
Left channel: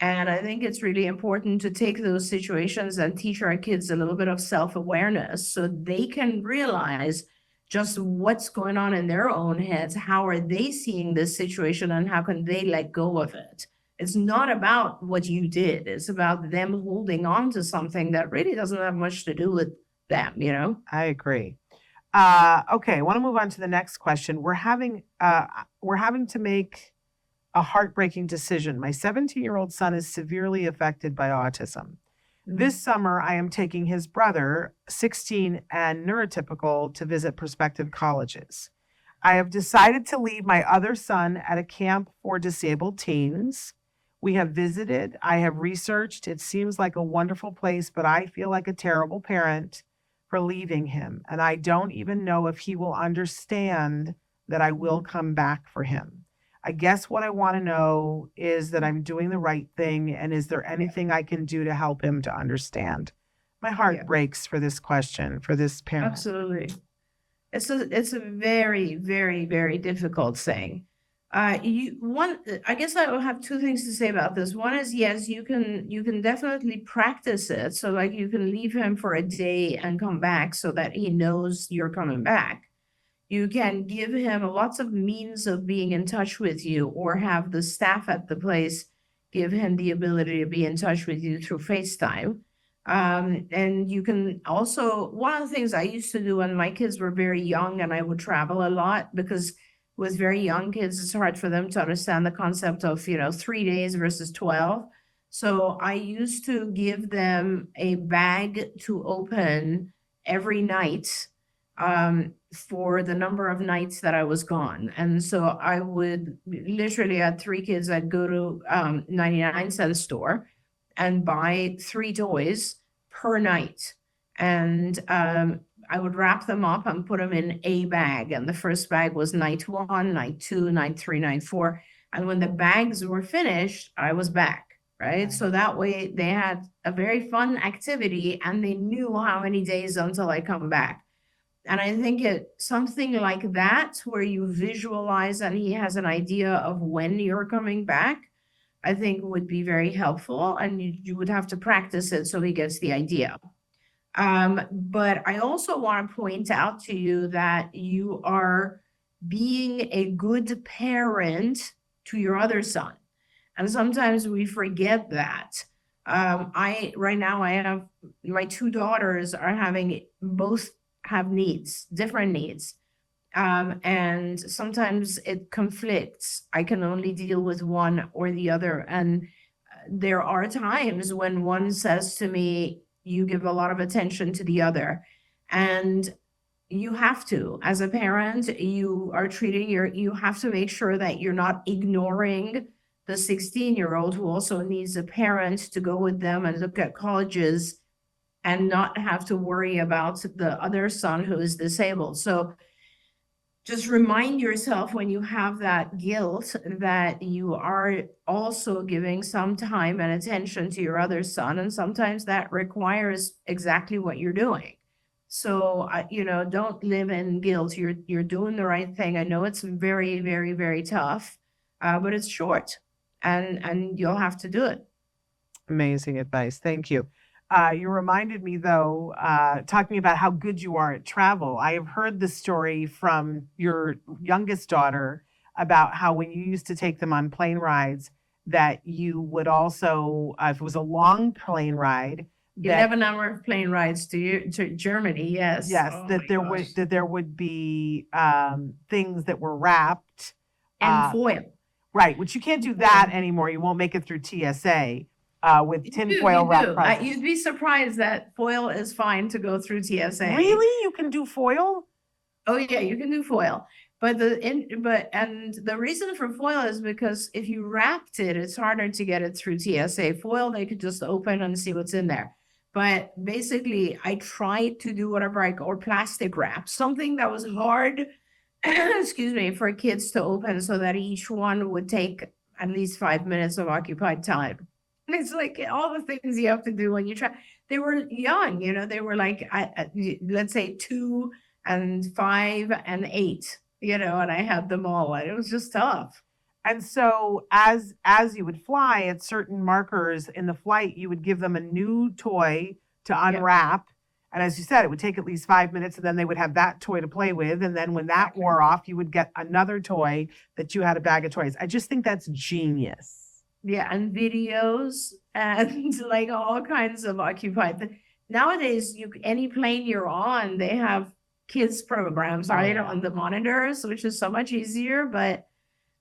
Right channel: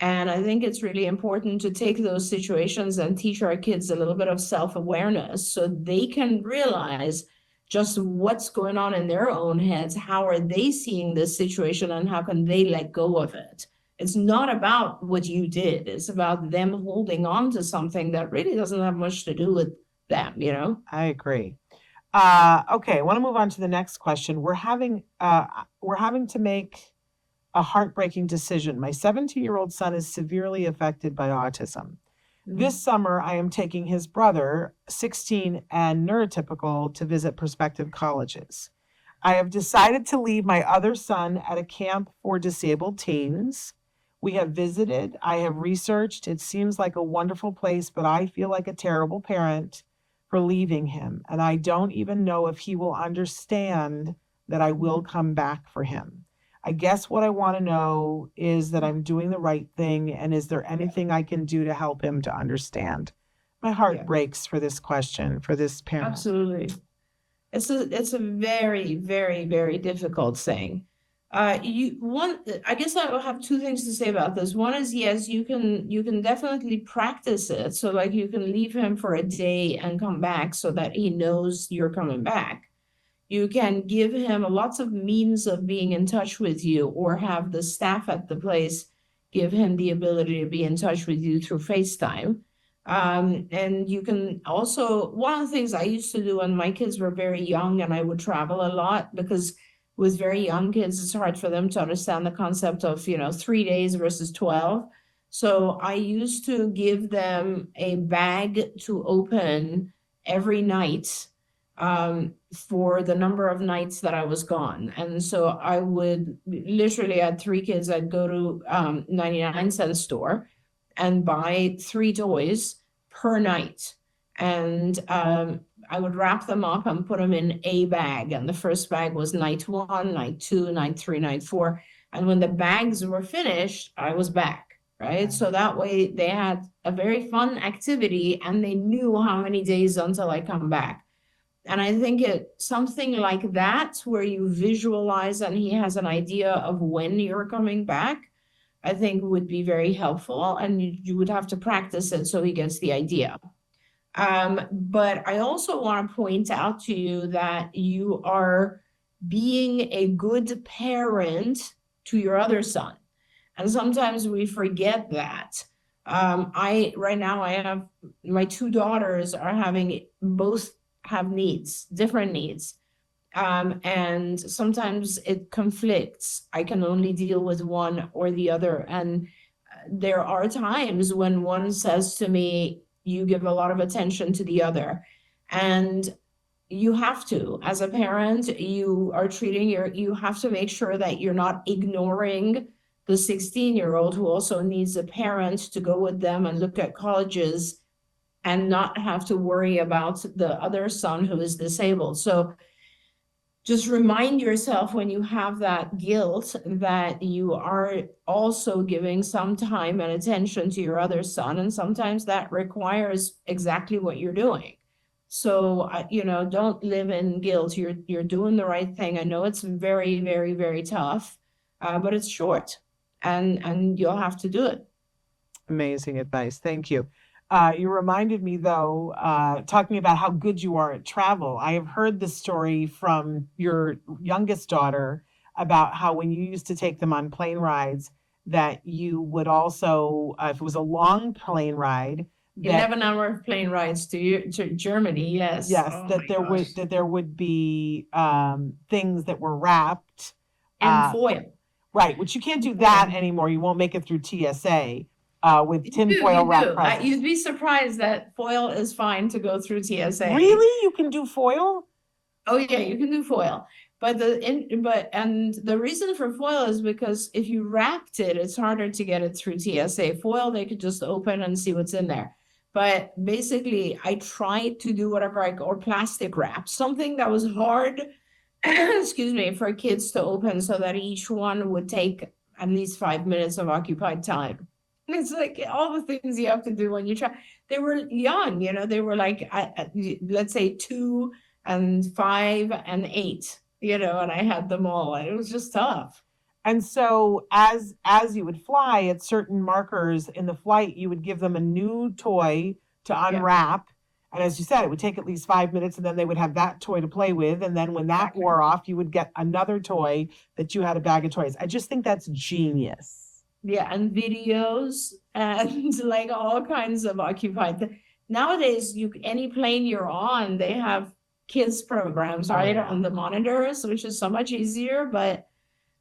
And I think it's really important to take those situations and teach our kids a little bit of self-awareness so they can realize just what's going on in their own heads. How are they seeing this situation, and how can they let go of it? It's not about what you did. It's about them holding on to something that really doesn't have much to do with them, I agree. Okay, I want to move on to the next question. We're having to make a heartbreaking decision. My 17-year-old son is severely affected by autism. This summer, I am taking his brother, 16 and neurotypical, to visit prospective colleges. I have decided to leave my other son at a camp for disabled teens. We have visited. I have researched. It seems like a wonderful place, but I feel like a terrible parent for leaving him. And I don't even know if he will understand that I will come back for him. I guess what I want to know is that I'm doing the right thing, and is there anything I can do to help him to understand? My heart breaks for this question, for this parent. Absolutely. It's a very, very, very difficult thing. I guess I will have two things to say about this. One is, yes, you can definitely practice it. So like you can leave him for a day and come back so that he knows you're coming back. You can give him lots of means of being in touch with you, or have the staff at the place give him the ability to be in touch with you through FaceTime. And you can also, one of the things I used to do when my kids were very young and I would travel a lot, because with very young kids, it's hard for them to understand the concept of, 3 days versus 12. So I used to give them a bag to open every night, for the number of nights that I was gone. And so I would literally had 3 kids. I'd go to 99-cent store and buy 3 toys per night. And I would wrap them up and put them in a bag. And the first bag was night 1, night 2, night 3, night 4. And when the bags were finished, I was back, right? So that way they had a very fun activity and they knew how many days until I come back. And I think something like that, where you visualize and he has an idea of when you're coming back, I think would be very helpful. And you would have to practice it so he gets the idea. But I also want to point out to you that you are being a good parent to your other son. And sometimes we forget that. Right now I have my 2 daughters both have needs, different needs. And sometimes it conflicts. I can only deal with one or the other. And there are times when one says to me, you give a lot of attention to the other. And you have to, as a parent, you are you have to make sure that you're not ignoring the 16-year-old who also needs a parent to go with them and look at colleges and not have to worry about the other son who is disabled. So just remind yourself when you have that guilt that you are also giving some time and attention to your other son. And sometimes that requires exactly what you're doing. So, don't live in guilt. You're doing the right thing. I know it's very, very, very tough, but it's short and you'll have to do it. Amazing advice. Thank you. You reminded me, though, talking about how good you are at travel. I have heard the story from your youngest daughter about how when you used to take them on plane rides, that you would also, if it was a long plane ride, 7-hour plane rides to Germany. Yes. Yes, that there would be things that were wrapped And foil. right, which you can't do that anymore. You won't make it through TSA. With tinfoil wrap. You'd be surprised that foil is fine to go through TSA. Really? You can do foil? Oh yeah, you can do foil. But the reason for foil is because if you wrapped it, it's harder to get it through TSA. Foil, they could just open and see what's in there. But basically, I tried to do whatever or plastic wrap, something that was hard, excuse me, for kids to open so that each one would take at least 5 minutes of occupied time. And it's like all the things you have to do when you try. They were young, they were like, let's say 2 and 5 and 8, and I had them all. And it was just tough. And so as you would fly at certain markers in the flight, you would give them a new toy to unwrap. And as you said, it would take at least 5 minutes, and then they would have that toy to play with. And then when that wore off, you would get another toy that you had a bag of toys. I just think that's genius. Yeah, and videos and like all kinds of occupied. Nowadays, any plane you're on, they have kids programs, right, on the monitors, which is so much easier. But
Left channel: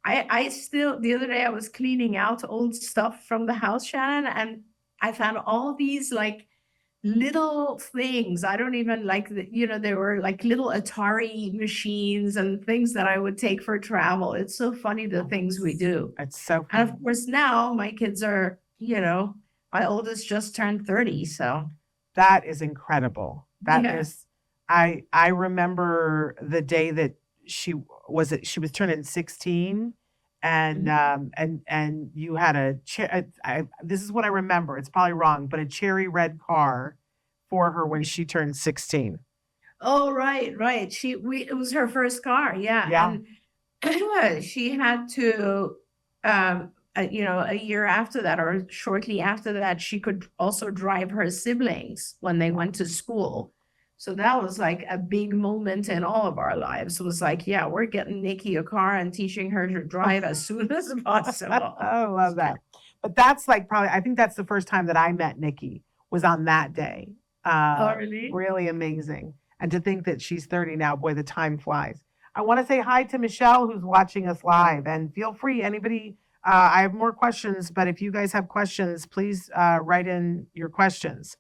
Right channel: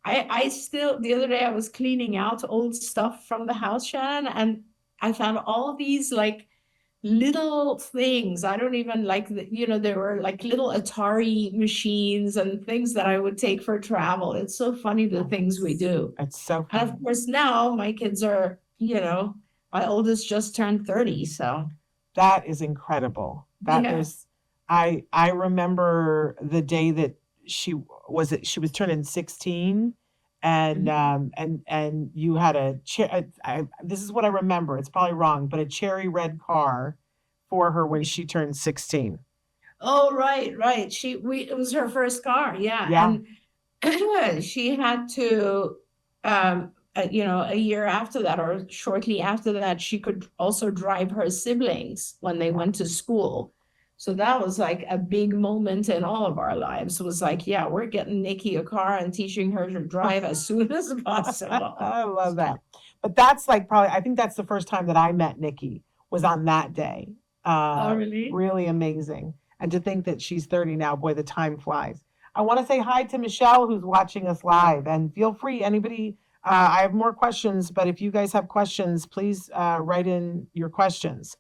I still, the other day I was cleaning out old stuff from the house, Shannon, and I found all these like little things. I don't even there were like little Atari machines and things that I would take for travel. It's so funny the things we do. It's so And of course now my kids are, my oldest just turned 30. So that is incredible. That is, I remember the day that she was turning 16, and you had this is what I remember. It's probably wrong, but a cherry red car for her when she turned 16. Oh, right. It was her first car. Yeah. Yeah. She had to, a year after that or shortly after that, she could also drive her siblings when they went to school. So that was like a big moment in all of our lives. It was like, yeah, we're getting Nikki a car and teaching her to drive as soon as possible. I love that. But that's like I think that's the first time that I met Nikki was on that day. Oh, really? Really amazing. And to think that she's 30 now, boy, the time flies. I want to say hi to Michelle, who's watching us live, and feel free, anybody. I have more questions, but if you guys have questions, please write in your questions.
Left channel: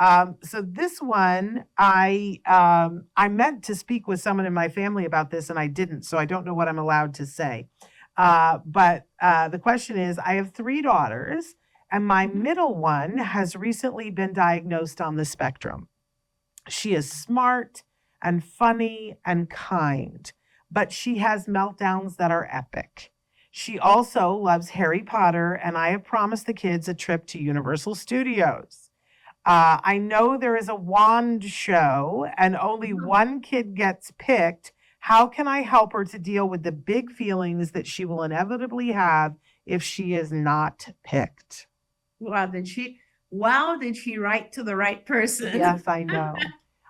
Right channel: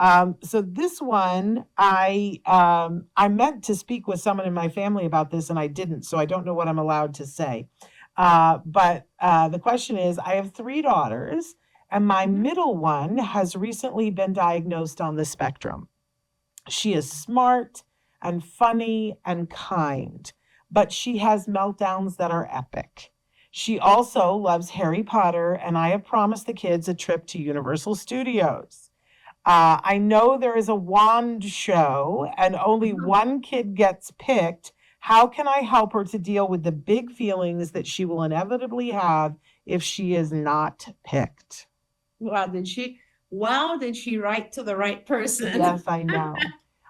So this one, I meant to speak with someone in my family about this, and I didn't, so I don't know what I'm allowed to say. But the question is, I have 3 daughters, and my middle one has recently been diagnosed on the spectrum. She is smart and funny and kind, but she has meltdowns that are epic. She also loves Harry Potter, and I have promised the kids a trip to Universal Studios. I know there is a wand show and only one kid gets picked. How can I help her to deal with the big feelings that she will inevitably have if she is not picked? Wow, did she write to the right person? Yes, I know.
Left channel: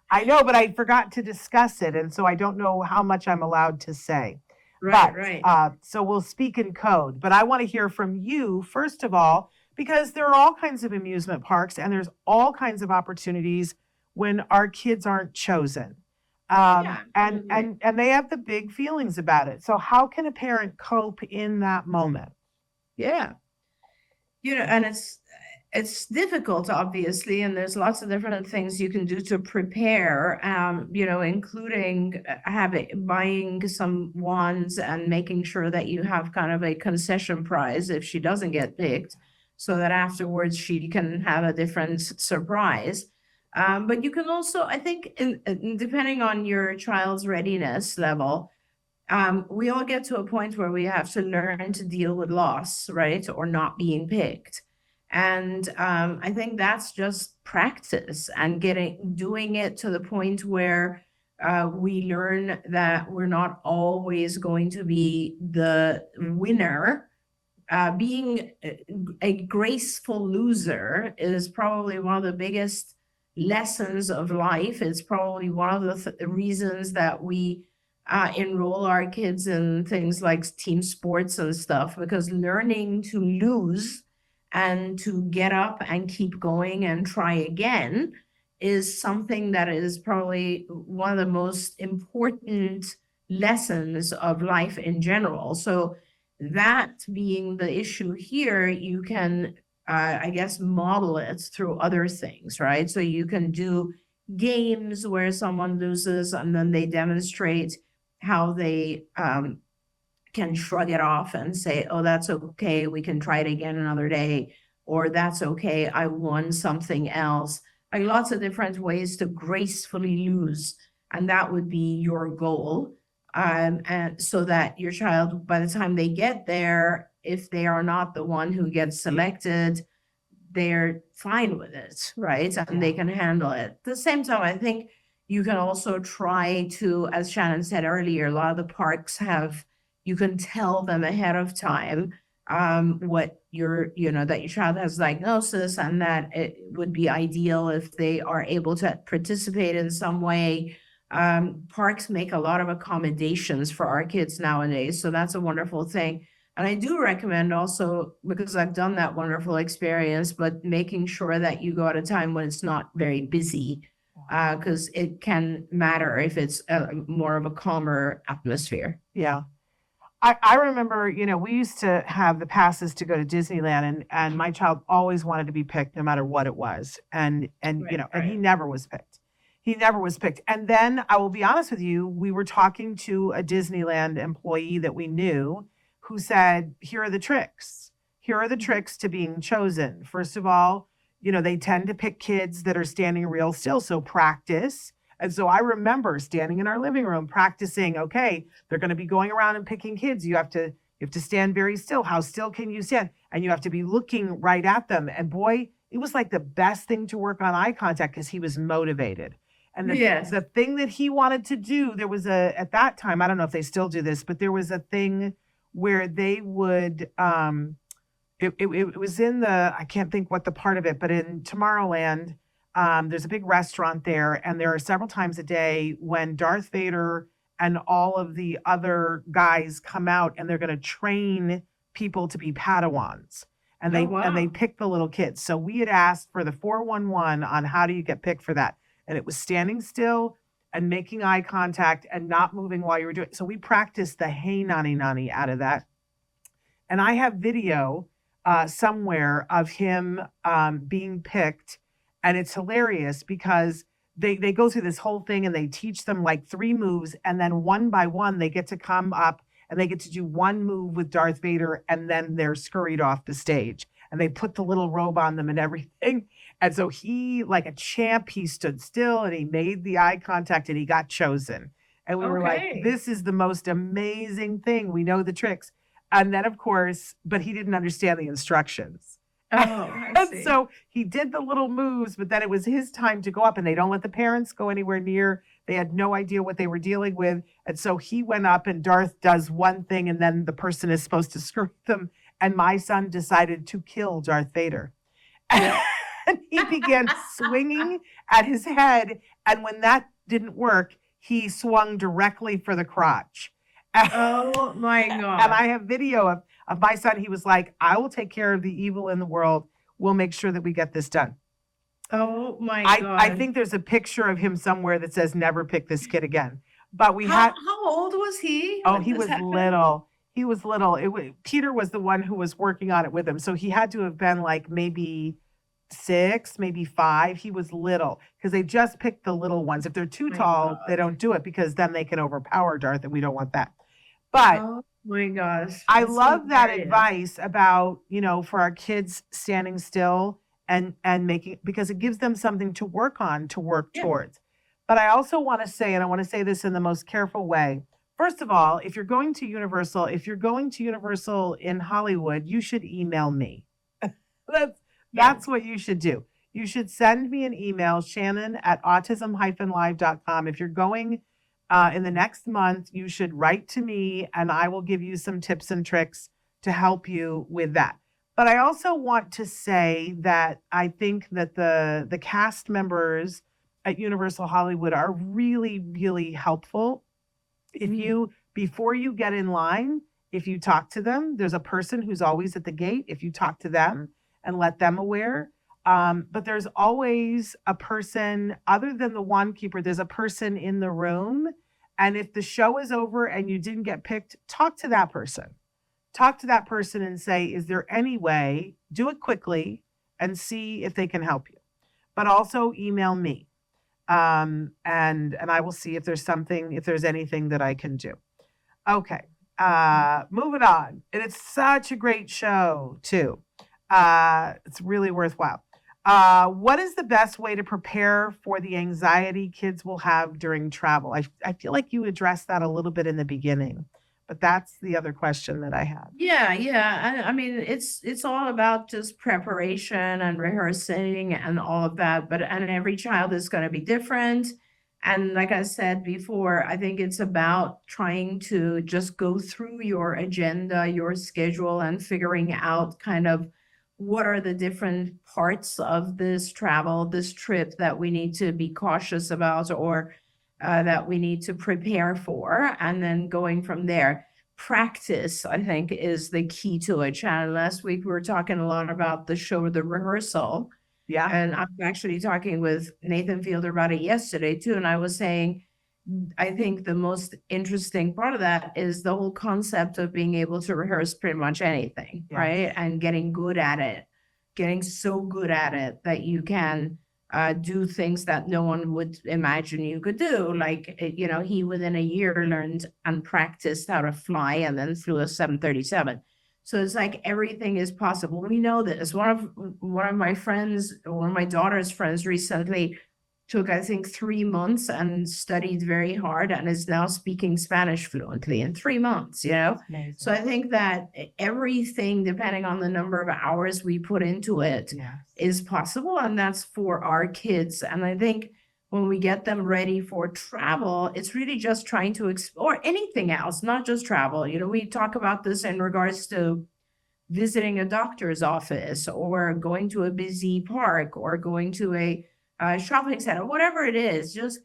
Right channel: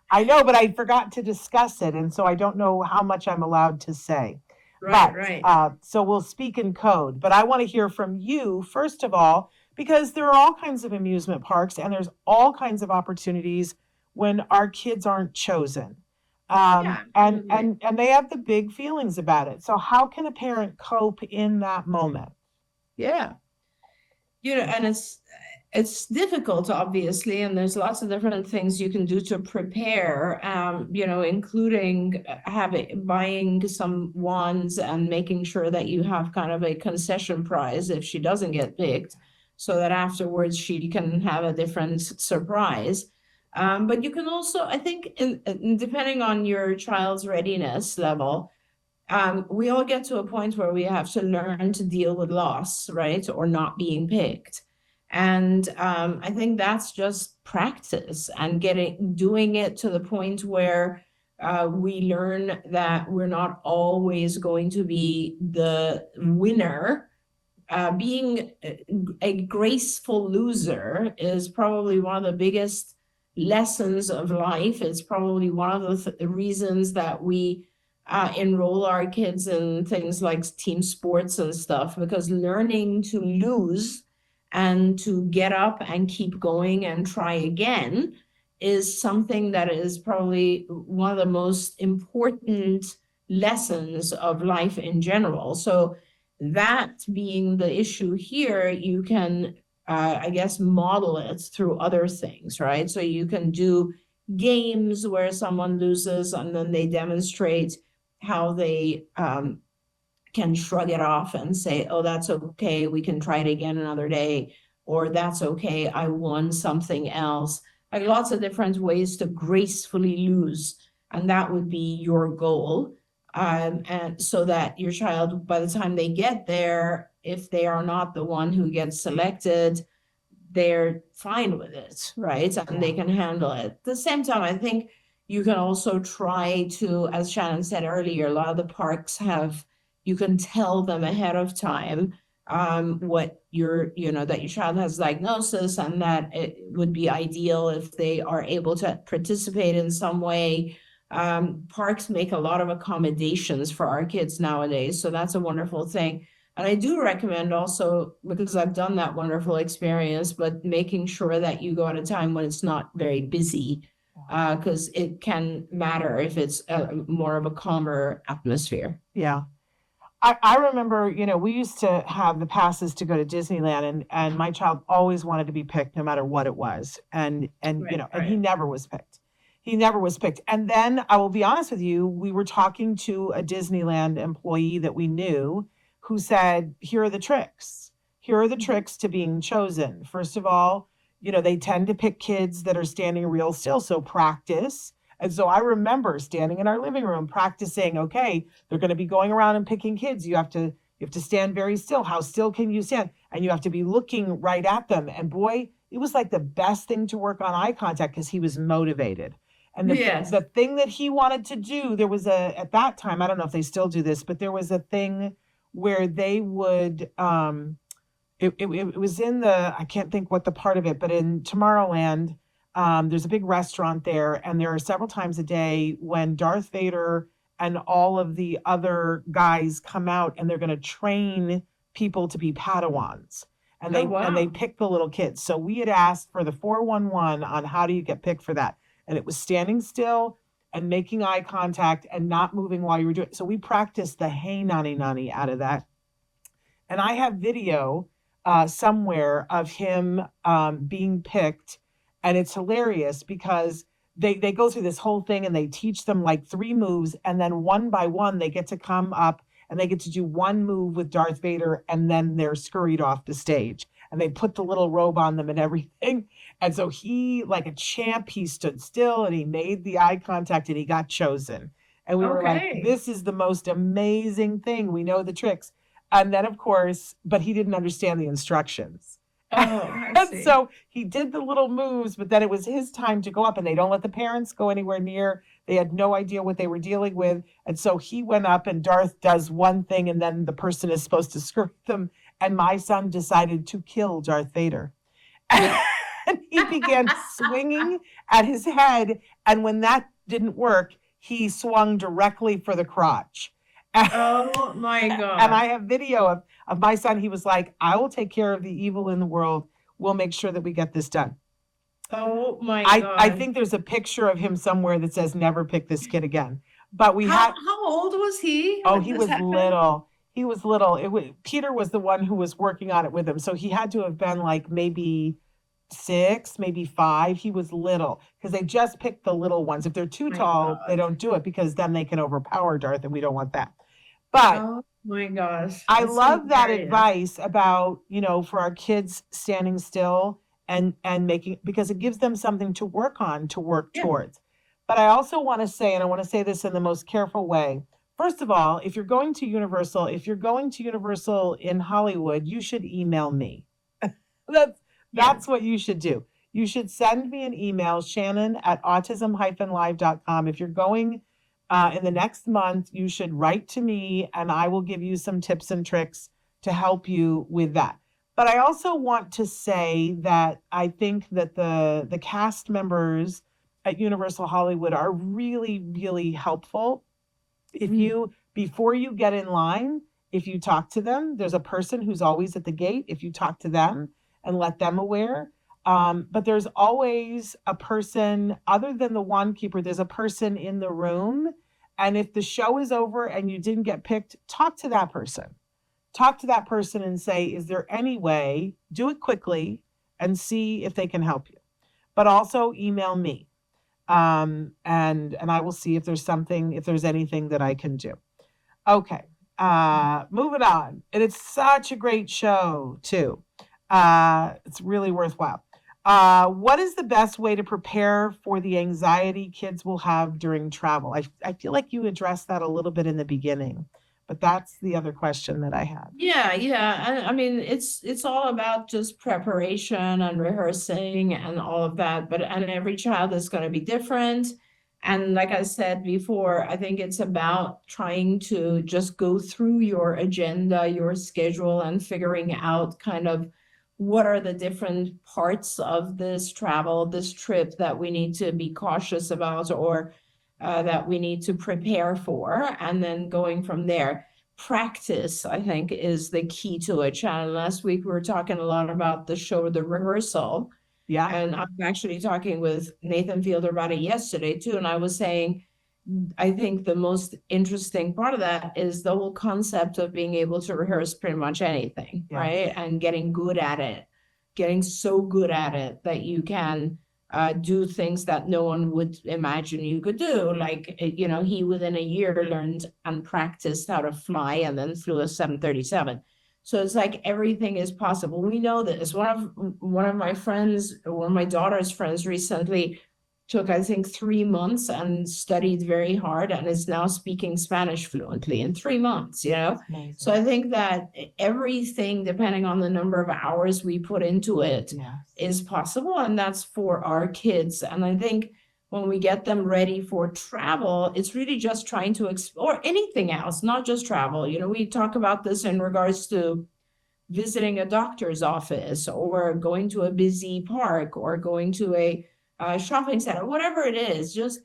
I know, but I forgot to discuss it. And so I don't know how much I'm allowed to say. Right. So we'll speak in code. But I want to hear from you, first of all, because there are all kinds of amusement parks and there's all kinds of opportunities when our kids aren't chosen. And they have the big feelings about it. So how can a parent cope in that moment? Yeah. And it's difficult, obviously, and there's lots of different things you can do to prepare, including buying some wands and making sure that you have kind of a concession prize if she doesn't get picked, so that afterwards she can have a different surprise. But you can also, I think, depending on your child's readiness level, we all get to a point where we have to learn to deal with loss, right? Or not being picked. And I think that's just practice and doing it to the point where we learn that we're not always going to be the winner. Being a graceful loser is probably one of the biggest lessons of life. It's probably one of the reasons that we enroll our kids in things like team sports and stuff, because learning to lose and to get up and keep going and try again is something that is probably one of the most important lessons of life in general. So that being the issue here, you can, I guess, model it through other things, right? So you can do games where someone loses and then they demonstrate how they can shrug it off and say, oh, that's okay, we can try it again another day, or that's okay, I won something else. Like lots of different ways to gracefully lose. And that would be your goal. And so that your child, by the time they get there, if they are not the one who gets selected, they're fine with it, right? I think they can handle it. At the same time, I think you can also try to, as Shannon said earlier, a lot of the parks you can tell them ahead of time what that your child has diagnosis, and that it would be ideal if they are able to participate in some way. Parks make a lot of accommodations for our kids nowadays, so that's a wonderful thing. And I do recommend also, because I've done that wonderful experience, but making sure that you go at a time when it's not very busy, because it can matter if it's more of a calmer atmosphere. Yeah. I remember, we used to have the passes to go to Disneyland, and my child always wanted to be picked no matter what it was. And he never was picked. He never was picked. And then I will be honest with you, we were talking to a Disneyland employee that we knew who said, here are the tricks. Here are the tricks to being chosen. First of all, they tend to pick kids that are standing real still. So practice. And so I remember standing in our living room practicing, okay, they're going to be going around and picking kids. You have to stand very still. How still can you stand? And you have to be looking right at them. And boy, it was like the best thing to work on eye contact because he was motivated. And the thing that he wanted to do, there was at that time, I don't know if they still do this, but there was a thing where they would, it was in I can't think what the part of it, but in Tomorrowland, there's a big restaurant there, and there are several times a day when Darth Vader and all of the other guys come out, and they're going to train people to be Padawans, and they pick the little kids. So we had asked for the 411 on how do you get picked for that, and it was standing still and making eye contact and not moving while you were doing it. So we practiced the hey nani nani out of that. And I have video somewhere of him being picked. And it's hilarious because they go through this whole thing and they teach them like 3 moves. And then one by one, they get to come up and they get to do one move with Darth Vader. And then they're scurried off the stage. And they put the little robe on them and everything. And so he, like a champ, he stood still and he made the eye contact and he got chosen. And we were like, this is the most amazing thing. We know the tricks. And then, of course, but he didn't understand the instructions. Oh, So he did the little moves, but then it was his time to go up and they don't let the parents go anywhere near. They had no idea what they were dealing with. And so he went up and Darth does one thing and then the person is supposed to skirt them. And my son decided to kill Darth Vader. no. And he began swinging at his head. And when that didn't work, he swung directly for the crotch. Oh my God. And I have video of my son. He was like, I will take care of the evil in the world. We'll make sure that we get this done. Oh my God. I think there's a picture of him somewhere that says, never pick this kid again. But we had, How old was he? oh, he was little. He was little. Peter was the one who was working on it with him. So he had to have been like maybe 6, maybe 5. He was little because they just picked the little ones. If they're too tall, they don't do it because then they can overpower Darth and we don't want that. But Oh my gosh. I That's so love that great. advice about, for our kids standing still and making, because it gives them something to work on, to work towards. But I also want to say, and I want to say this in the most careful way. First of all, if you're going to Universal in Hollywood, you should email me. That's what you should do. You should send me an email, Shannon@autism-live.com. If you're going in the next month, you should write to me and I will give you some tips and tricks to help you with that. But I also want to say that I think that the cast members at Universal Hollywood are really, really helpful in you. Before you get in line, if you talk to them, there's a person who's always at the gate. If you talk to them and let them aware. But there's always a person, other than the wand keeper, there's a person in the room. And if the show is over and you didn't get picked, talk to that person. Talk to that person and say, is there any way, do it quickly and see if they can help you. But also email me. And I will see if there's anything that I can do. Okay. Moving on. And it's such a great show too. It's really worthwhile. What is the best way to prepare for the anxiety kids will have during travel? I feel like you addressed that a little bit in the beginning, but that's the other question that I have. Yeah. I mean, it's all about just preparation and rehearsing and all of that. And every child is going to be different. And like I said before, I think it's about trying to just go through your agenda, your schedule, and figuring out kind of what are the different parts of this travel, this trip that we need to be cautious about or that we need to prepare for, and then going from there. Practice, I think, is the key to it. Shannon, last week we were talking a lot about the show, the rehearsal. Yeah. And I'm actually talking with Nathan Fielder about it yesterday too. And I was saying, I think the most interesting part of that is the whole concept of being able to rehearse pretty much anything, right? And getting good at it, getting so good at it that you can do things that no one would imagine you could do. Like, he within a year learned and practiced how to fly and then flew a 737. So it's like everything is possible. We know this. One of my friends, one of my daughter's friends recently took, I think, 3 months and studied very hard and is now speaking Spanish fluently in 3 months, Nice. So I think that everything, depending on the number of hours we put into it, is possible. And that's for our kids. And I think when we get them ready for travel, it's really just trying to explore anything else, not just travel. We talk about this in regards to visiting a doctor's office or going to a busy park or going to a shopping center, whatever it is, just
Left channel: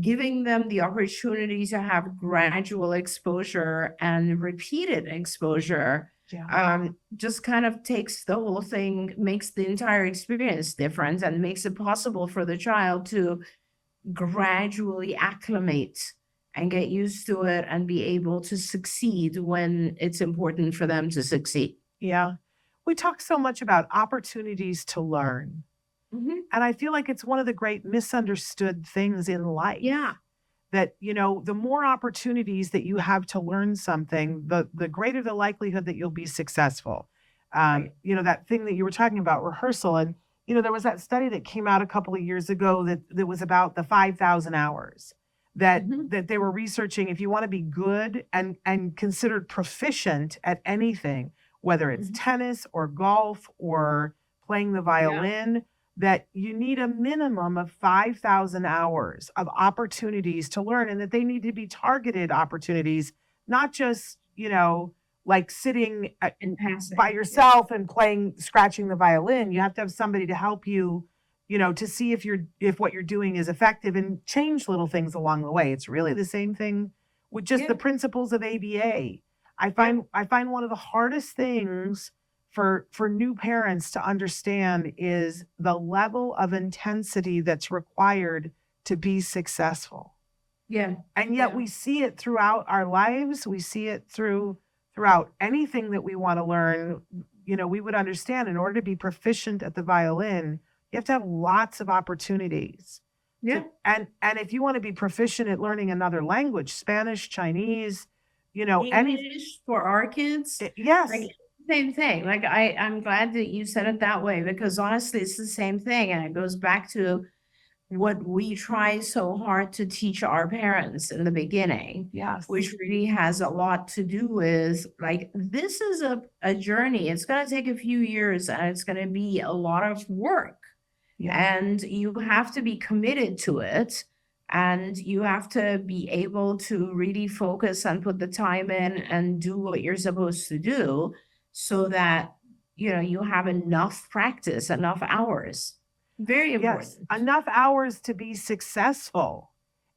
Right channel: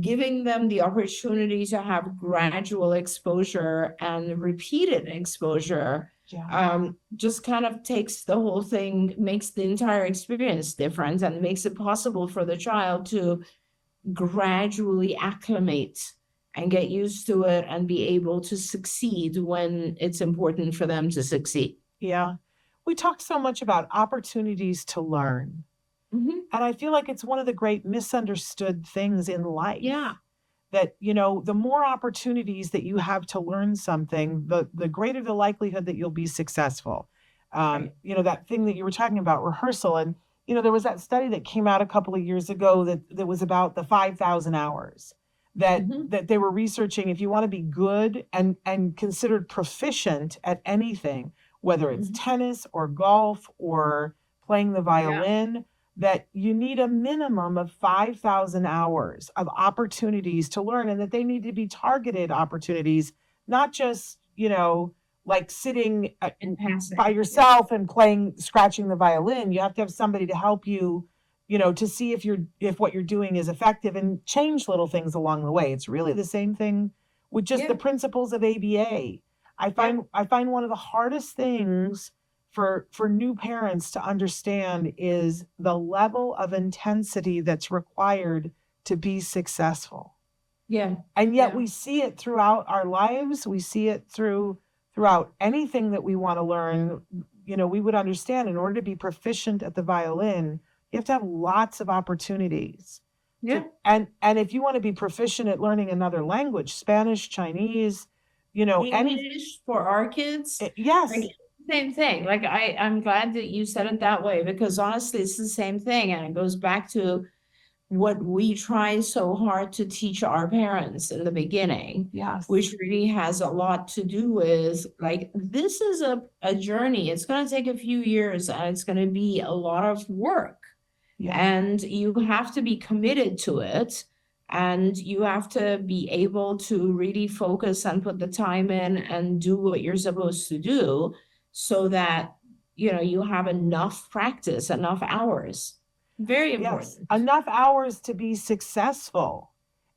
giving them the opportunity to have gradual exposure and repeated exposure. Just kind of takes the whole thing, makes the entire experience different and makes it possible for the child to gradually acclimate and get used to it and be able to succeed when it's important for them to succeed. Yeah. We talk so much about opportunities to learn. Mhm. And I feel like it's one of the great misunderstood things in life. Yeah. That, the more opportunities that you have to learn something, the greater the likelihood that you'll be successful. That thing that you were talking about, rehearsal. And, there was that study that came out a couple of years ago that was about the 5,000 hours that Mhm. that they were researching. If you want to be good and considered proficient at anything, whether it's tennis or golf or playing the violin, that you need a minimum of 5,000 hours of opportunities to learn, and that they need to be targeted opportunities, not just, like sitting by yourself and scratching the violin. You have to have somebody to help you, to see if what you're doing is effective, and change little things along the way. It's really the same thing with just the principles of ABA. I find one of the hardest things for new parents to understand is the level of intensity that's required to be successful. Yeah. And yet we see it throughout our lives. We see it throughout anything that we want to learn. We would understand, in order to be proficient at the violin, you have to have lots of opportunities. Yeah. And if you want to be proficient at learning another language, Spanish, Chinese, any, English for our kids. yes, Like, same thing. Like I'm glad that you said it that way, because honestly, it's the same thing. And it goes back to what we try so hard to teach our parents in the beginning, yes, which really has a lot to do with, like, this is a journey. It's going to take a few years, and it's going to be a lot of work. Yeah. And you have to be committed to it. And you have to be able to really focus and put the time in and do what you're supposed to do, so that, you have enough practice, enough hours. Very important. yes, enough hours to be successful.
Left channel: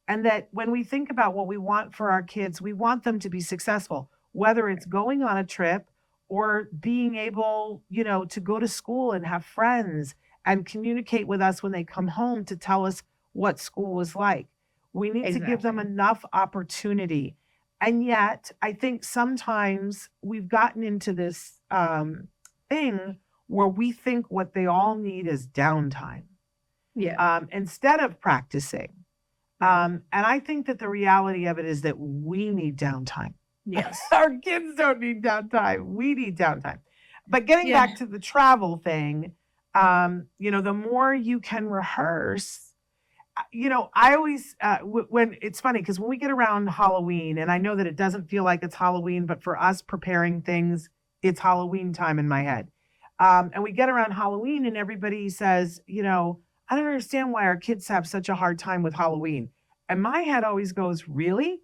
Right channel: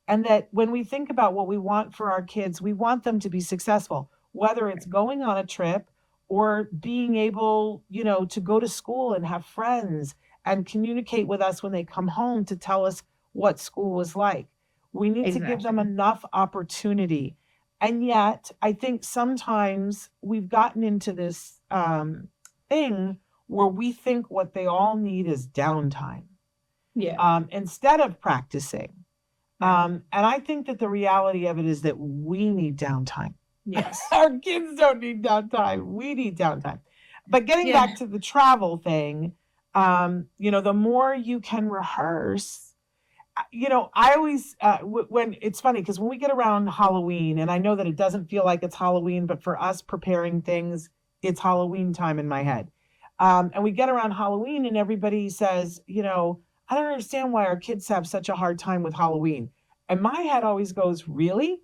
And that when we think about what we want for our kids, we want them to be successful, whether it's going on a trip or being able, to go to school and have friends and communicate with us when they come home to tell us what school was like. We need to give them enough opportunity. And yet, I think sometimes we've gotten into this thing where we think what they all need is downtime. Yeah. Instead of practicing. And I think that the reality of it is that we need downtime. Yes. Our kids don't need downtime. We need downtime. But getting back to the travel thing, the more you can rehearse, I always, when it's funny, because when we get around Halloween, and I know that it doesn't feel like it's Halloween, but for us preparing things, it's Halloween time in my head. And we get around Halloween and everybody says, I don't understand why our kids have such a hard time with Halloween. And my head always goes, really?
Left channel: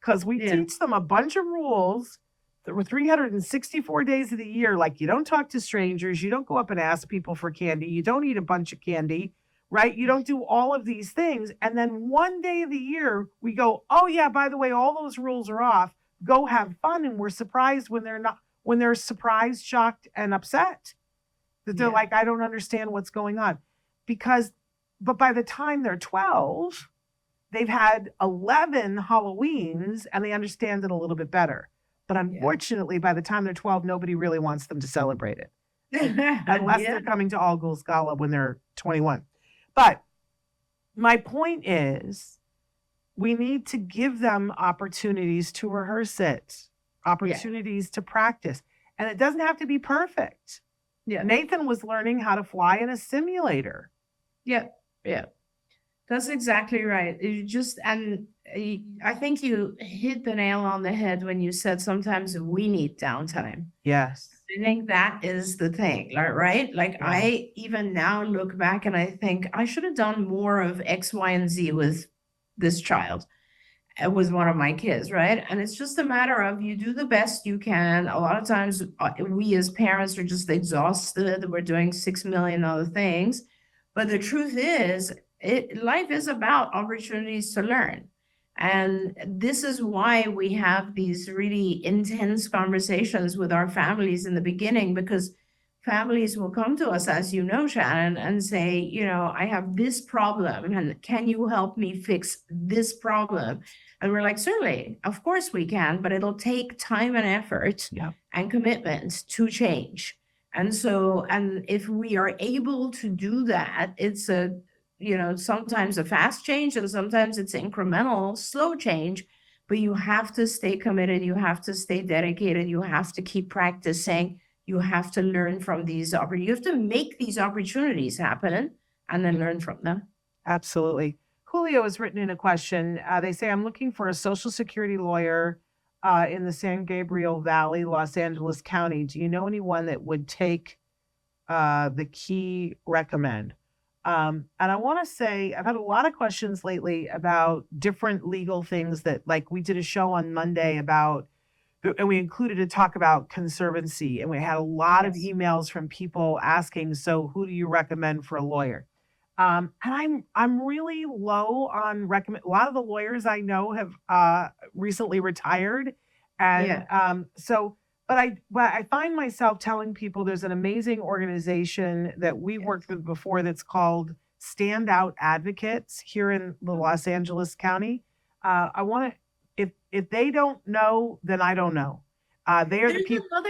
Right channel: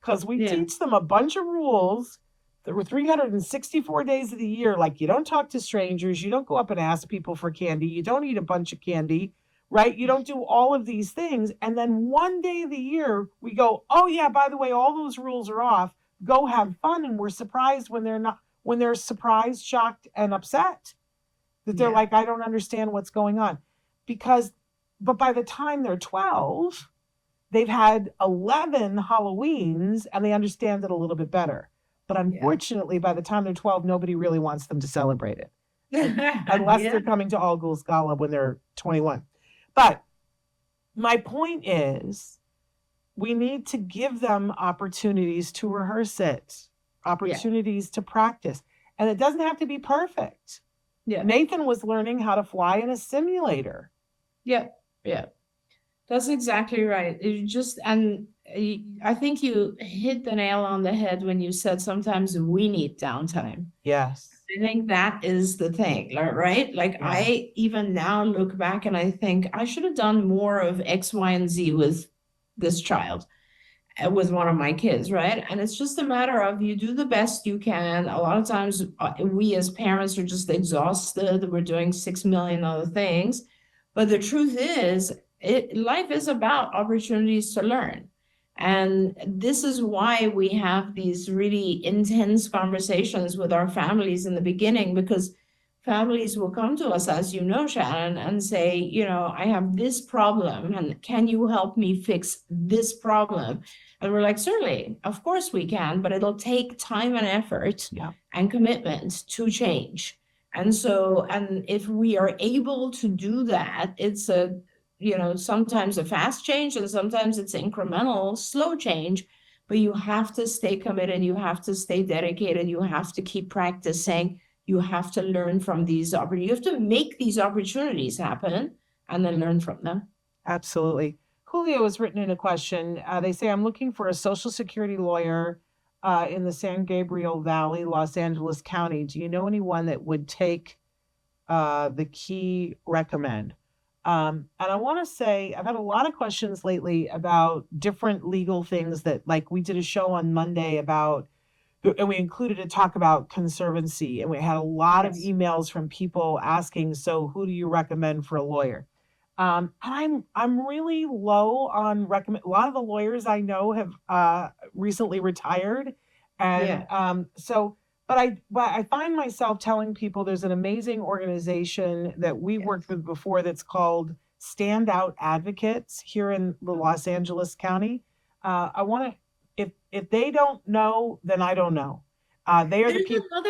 Because we teach them a bunch of rules. There were 364 days of the year. Like, you don't talk to strangers. You don't go up and ask people for candy. You don't eat a bunch of candy, right? You don't do all of these things. And then one day of the year, we go, oh yeah, by the way, all those rules are off. Go have fun. And we're surprised when they're surprised, shocked, and upset. That they're like, I don't understand what's going on. But by the time they're 12, they've had 11 Halloweens and they understand it a little bit better. But unfortunately, by the time they're 12, nobody really wants them to celebrate it. Unless they're coming to All Ghouls Gala when they're 21. But my point is, we need to give them opportunities to rehearse it, opportunities to practice. And it doesn't have to be perfect. Yeah. Nathan was learning how to fly in a simulator. Yeah. That's exactly right. I think you hit the nail on the head when you said sometimes we need downtime. Yes. I think that is the thing, right? Like, I even now look back and I think I should have done more of X, Y, and Z with this child. It was one of my kids, right? And it's just a matter of, you do the best you can. A lot of times we as parents are just exhausted. We're doing 6 million other things. But the truth is, life is about opportunities to learn. And this is why we have these really intense conversations with our families in the beginning, because families will come to us, as you know, Shannon, and say, I have this problem, and can you help me fix this problem? And we're like, certainly, of course we can, but it'll take time and effort and commitment to change. And so, and if we are able to do that, it's sometimes a fast change and sometimes it's incremental, slow change, but you have to stay committed. You have to stay dedicated. You have to keep practicing. You have to learn from these opportunities. You have to make these opportunities happen and then learn from them. Absolutely. Julio has written in a question. They say, I'm looking for a Social Security lawyer in the San Gabriel Valley, Los Angeles County. Do you know anyone that would take the key recommend? And I want to say, I've had a lot of questions lately about different legal things that, like, we did a show on Monday about, and we included a talk about conservancy, and we had a lot of emails from people asking, so who do you recommend for a lawyer? And I'm really low on recommend. A lot of the lawyers I know have recently retired, and but I find myself telling people there's an amazing organization that we worked with before that's called Standout Advocates here in the Los Angeles County. I want to, if they don't know, then I don't know. They are the people.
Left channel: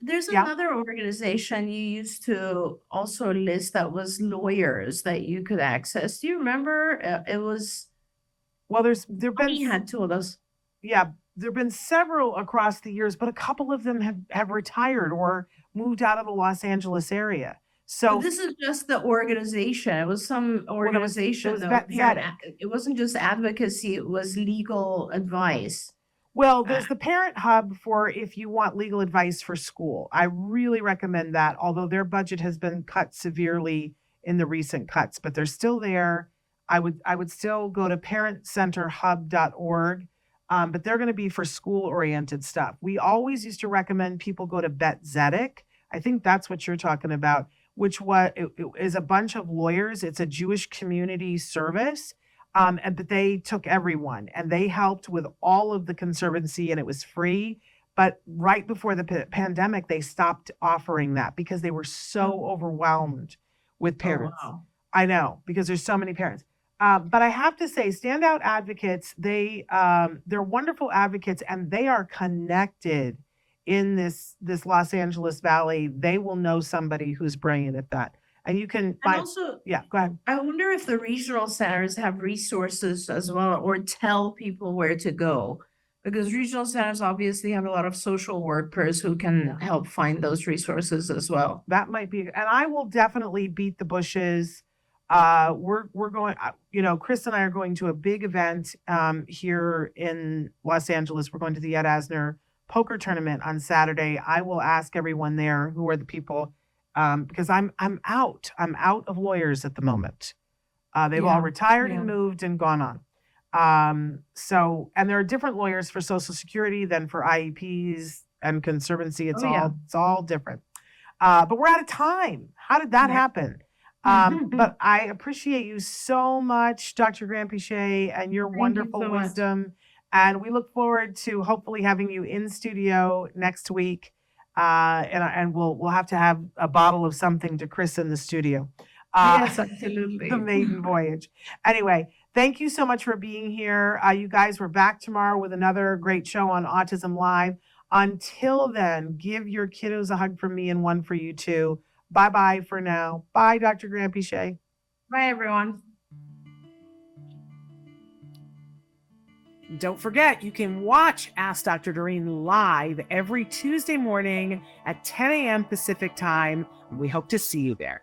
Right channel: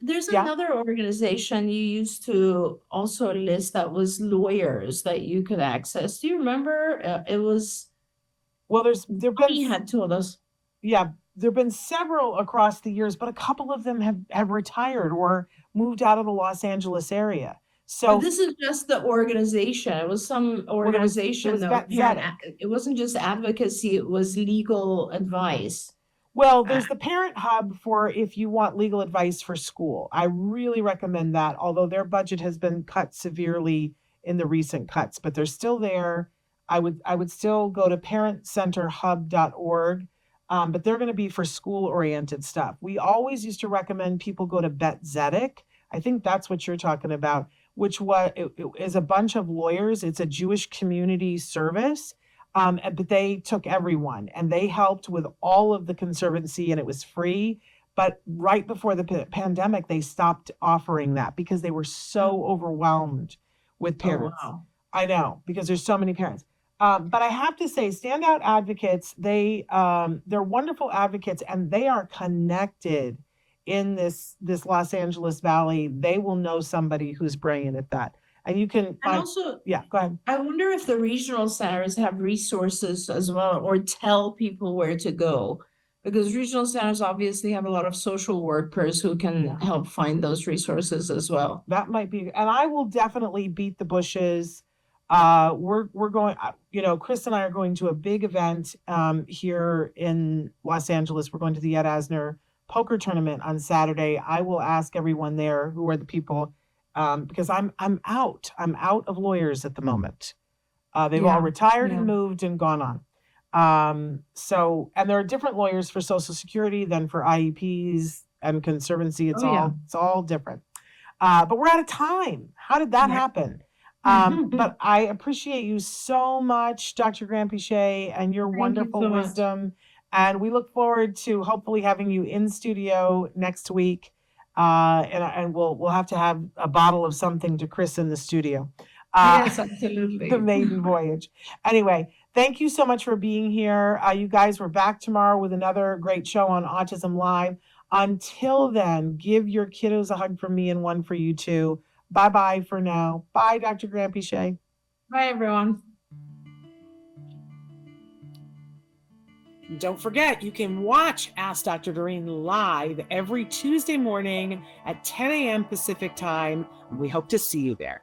There's another organization you used to also list that was lawyers that you could access. Do you remember? It was. Well, you had two of those. Yeah, there've been several across the years, but a couple of them have retired or moved out of the Los Angeles area. So this is just the organization. It was some organization. It wasn't just advocacy. It was legal advice. Well, there's the Parent Hub for if you want legal advice for school. I really recommend that, although their budget has been cut severely in the recent cuts, but they're still there. I would still go to parentcenterhub.org, but they're going to be for school-oriented stuff. We always used to recommend people go to Bet Zedek. I think that's what you're talking about, which it is a bunch of lawyers. It's a Jewish community service. But they took everyone and they helped with all of the conservancy and it was free. But right before the pandemic, they stopped offering that because they were so overwhelmed with parents. Wow. I know, because there's so many parents. But I have to say, Standout Advocates, they're wonderful advocates and they are connected in this Los Angeles Valley. They will know somebody who's brilliant at that. And you can find, go ahead. I wonder if the regional centers have resources as well or tell people where to go, because regional centers obviously have a lot of social workers who can help find those resources as well. That might be, and I will definitely beat the bushes. We're going, Chris and I are going to a big event here in Los Angeles. We're going to the Ed Asner poker tournament on Saturday. I will ask everyone there who are the people. Because I'm out of lawyers at the moment. They've all retired and moved and gone on. And there are different lawyers for Social Security than for IEPs and conservancy. It's all different. But we're out of time. How did that happen? But I appreciate you so much, Dr. Granpeesheh, and your wonderful wisdom. And we look forward to hopefully having you in studio next week. And we'll have to have a bottle of something to christen the studio. Yes, absolutely. The maiden voyage. Anyway, thank you so much for being here. You guys, we're back tomorrow with another great show on Autism Live. Until then, give your kiddos a hug from me and one for you too. Bye-bye for now. Bye, Dr. Granpeesheh. Bye, everyone. Don't forget, you can watch Ask Dr. Doreen live every Tuesday morning at 10 a.m. Pacific time. We hope to see you there.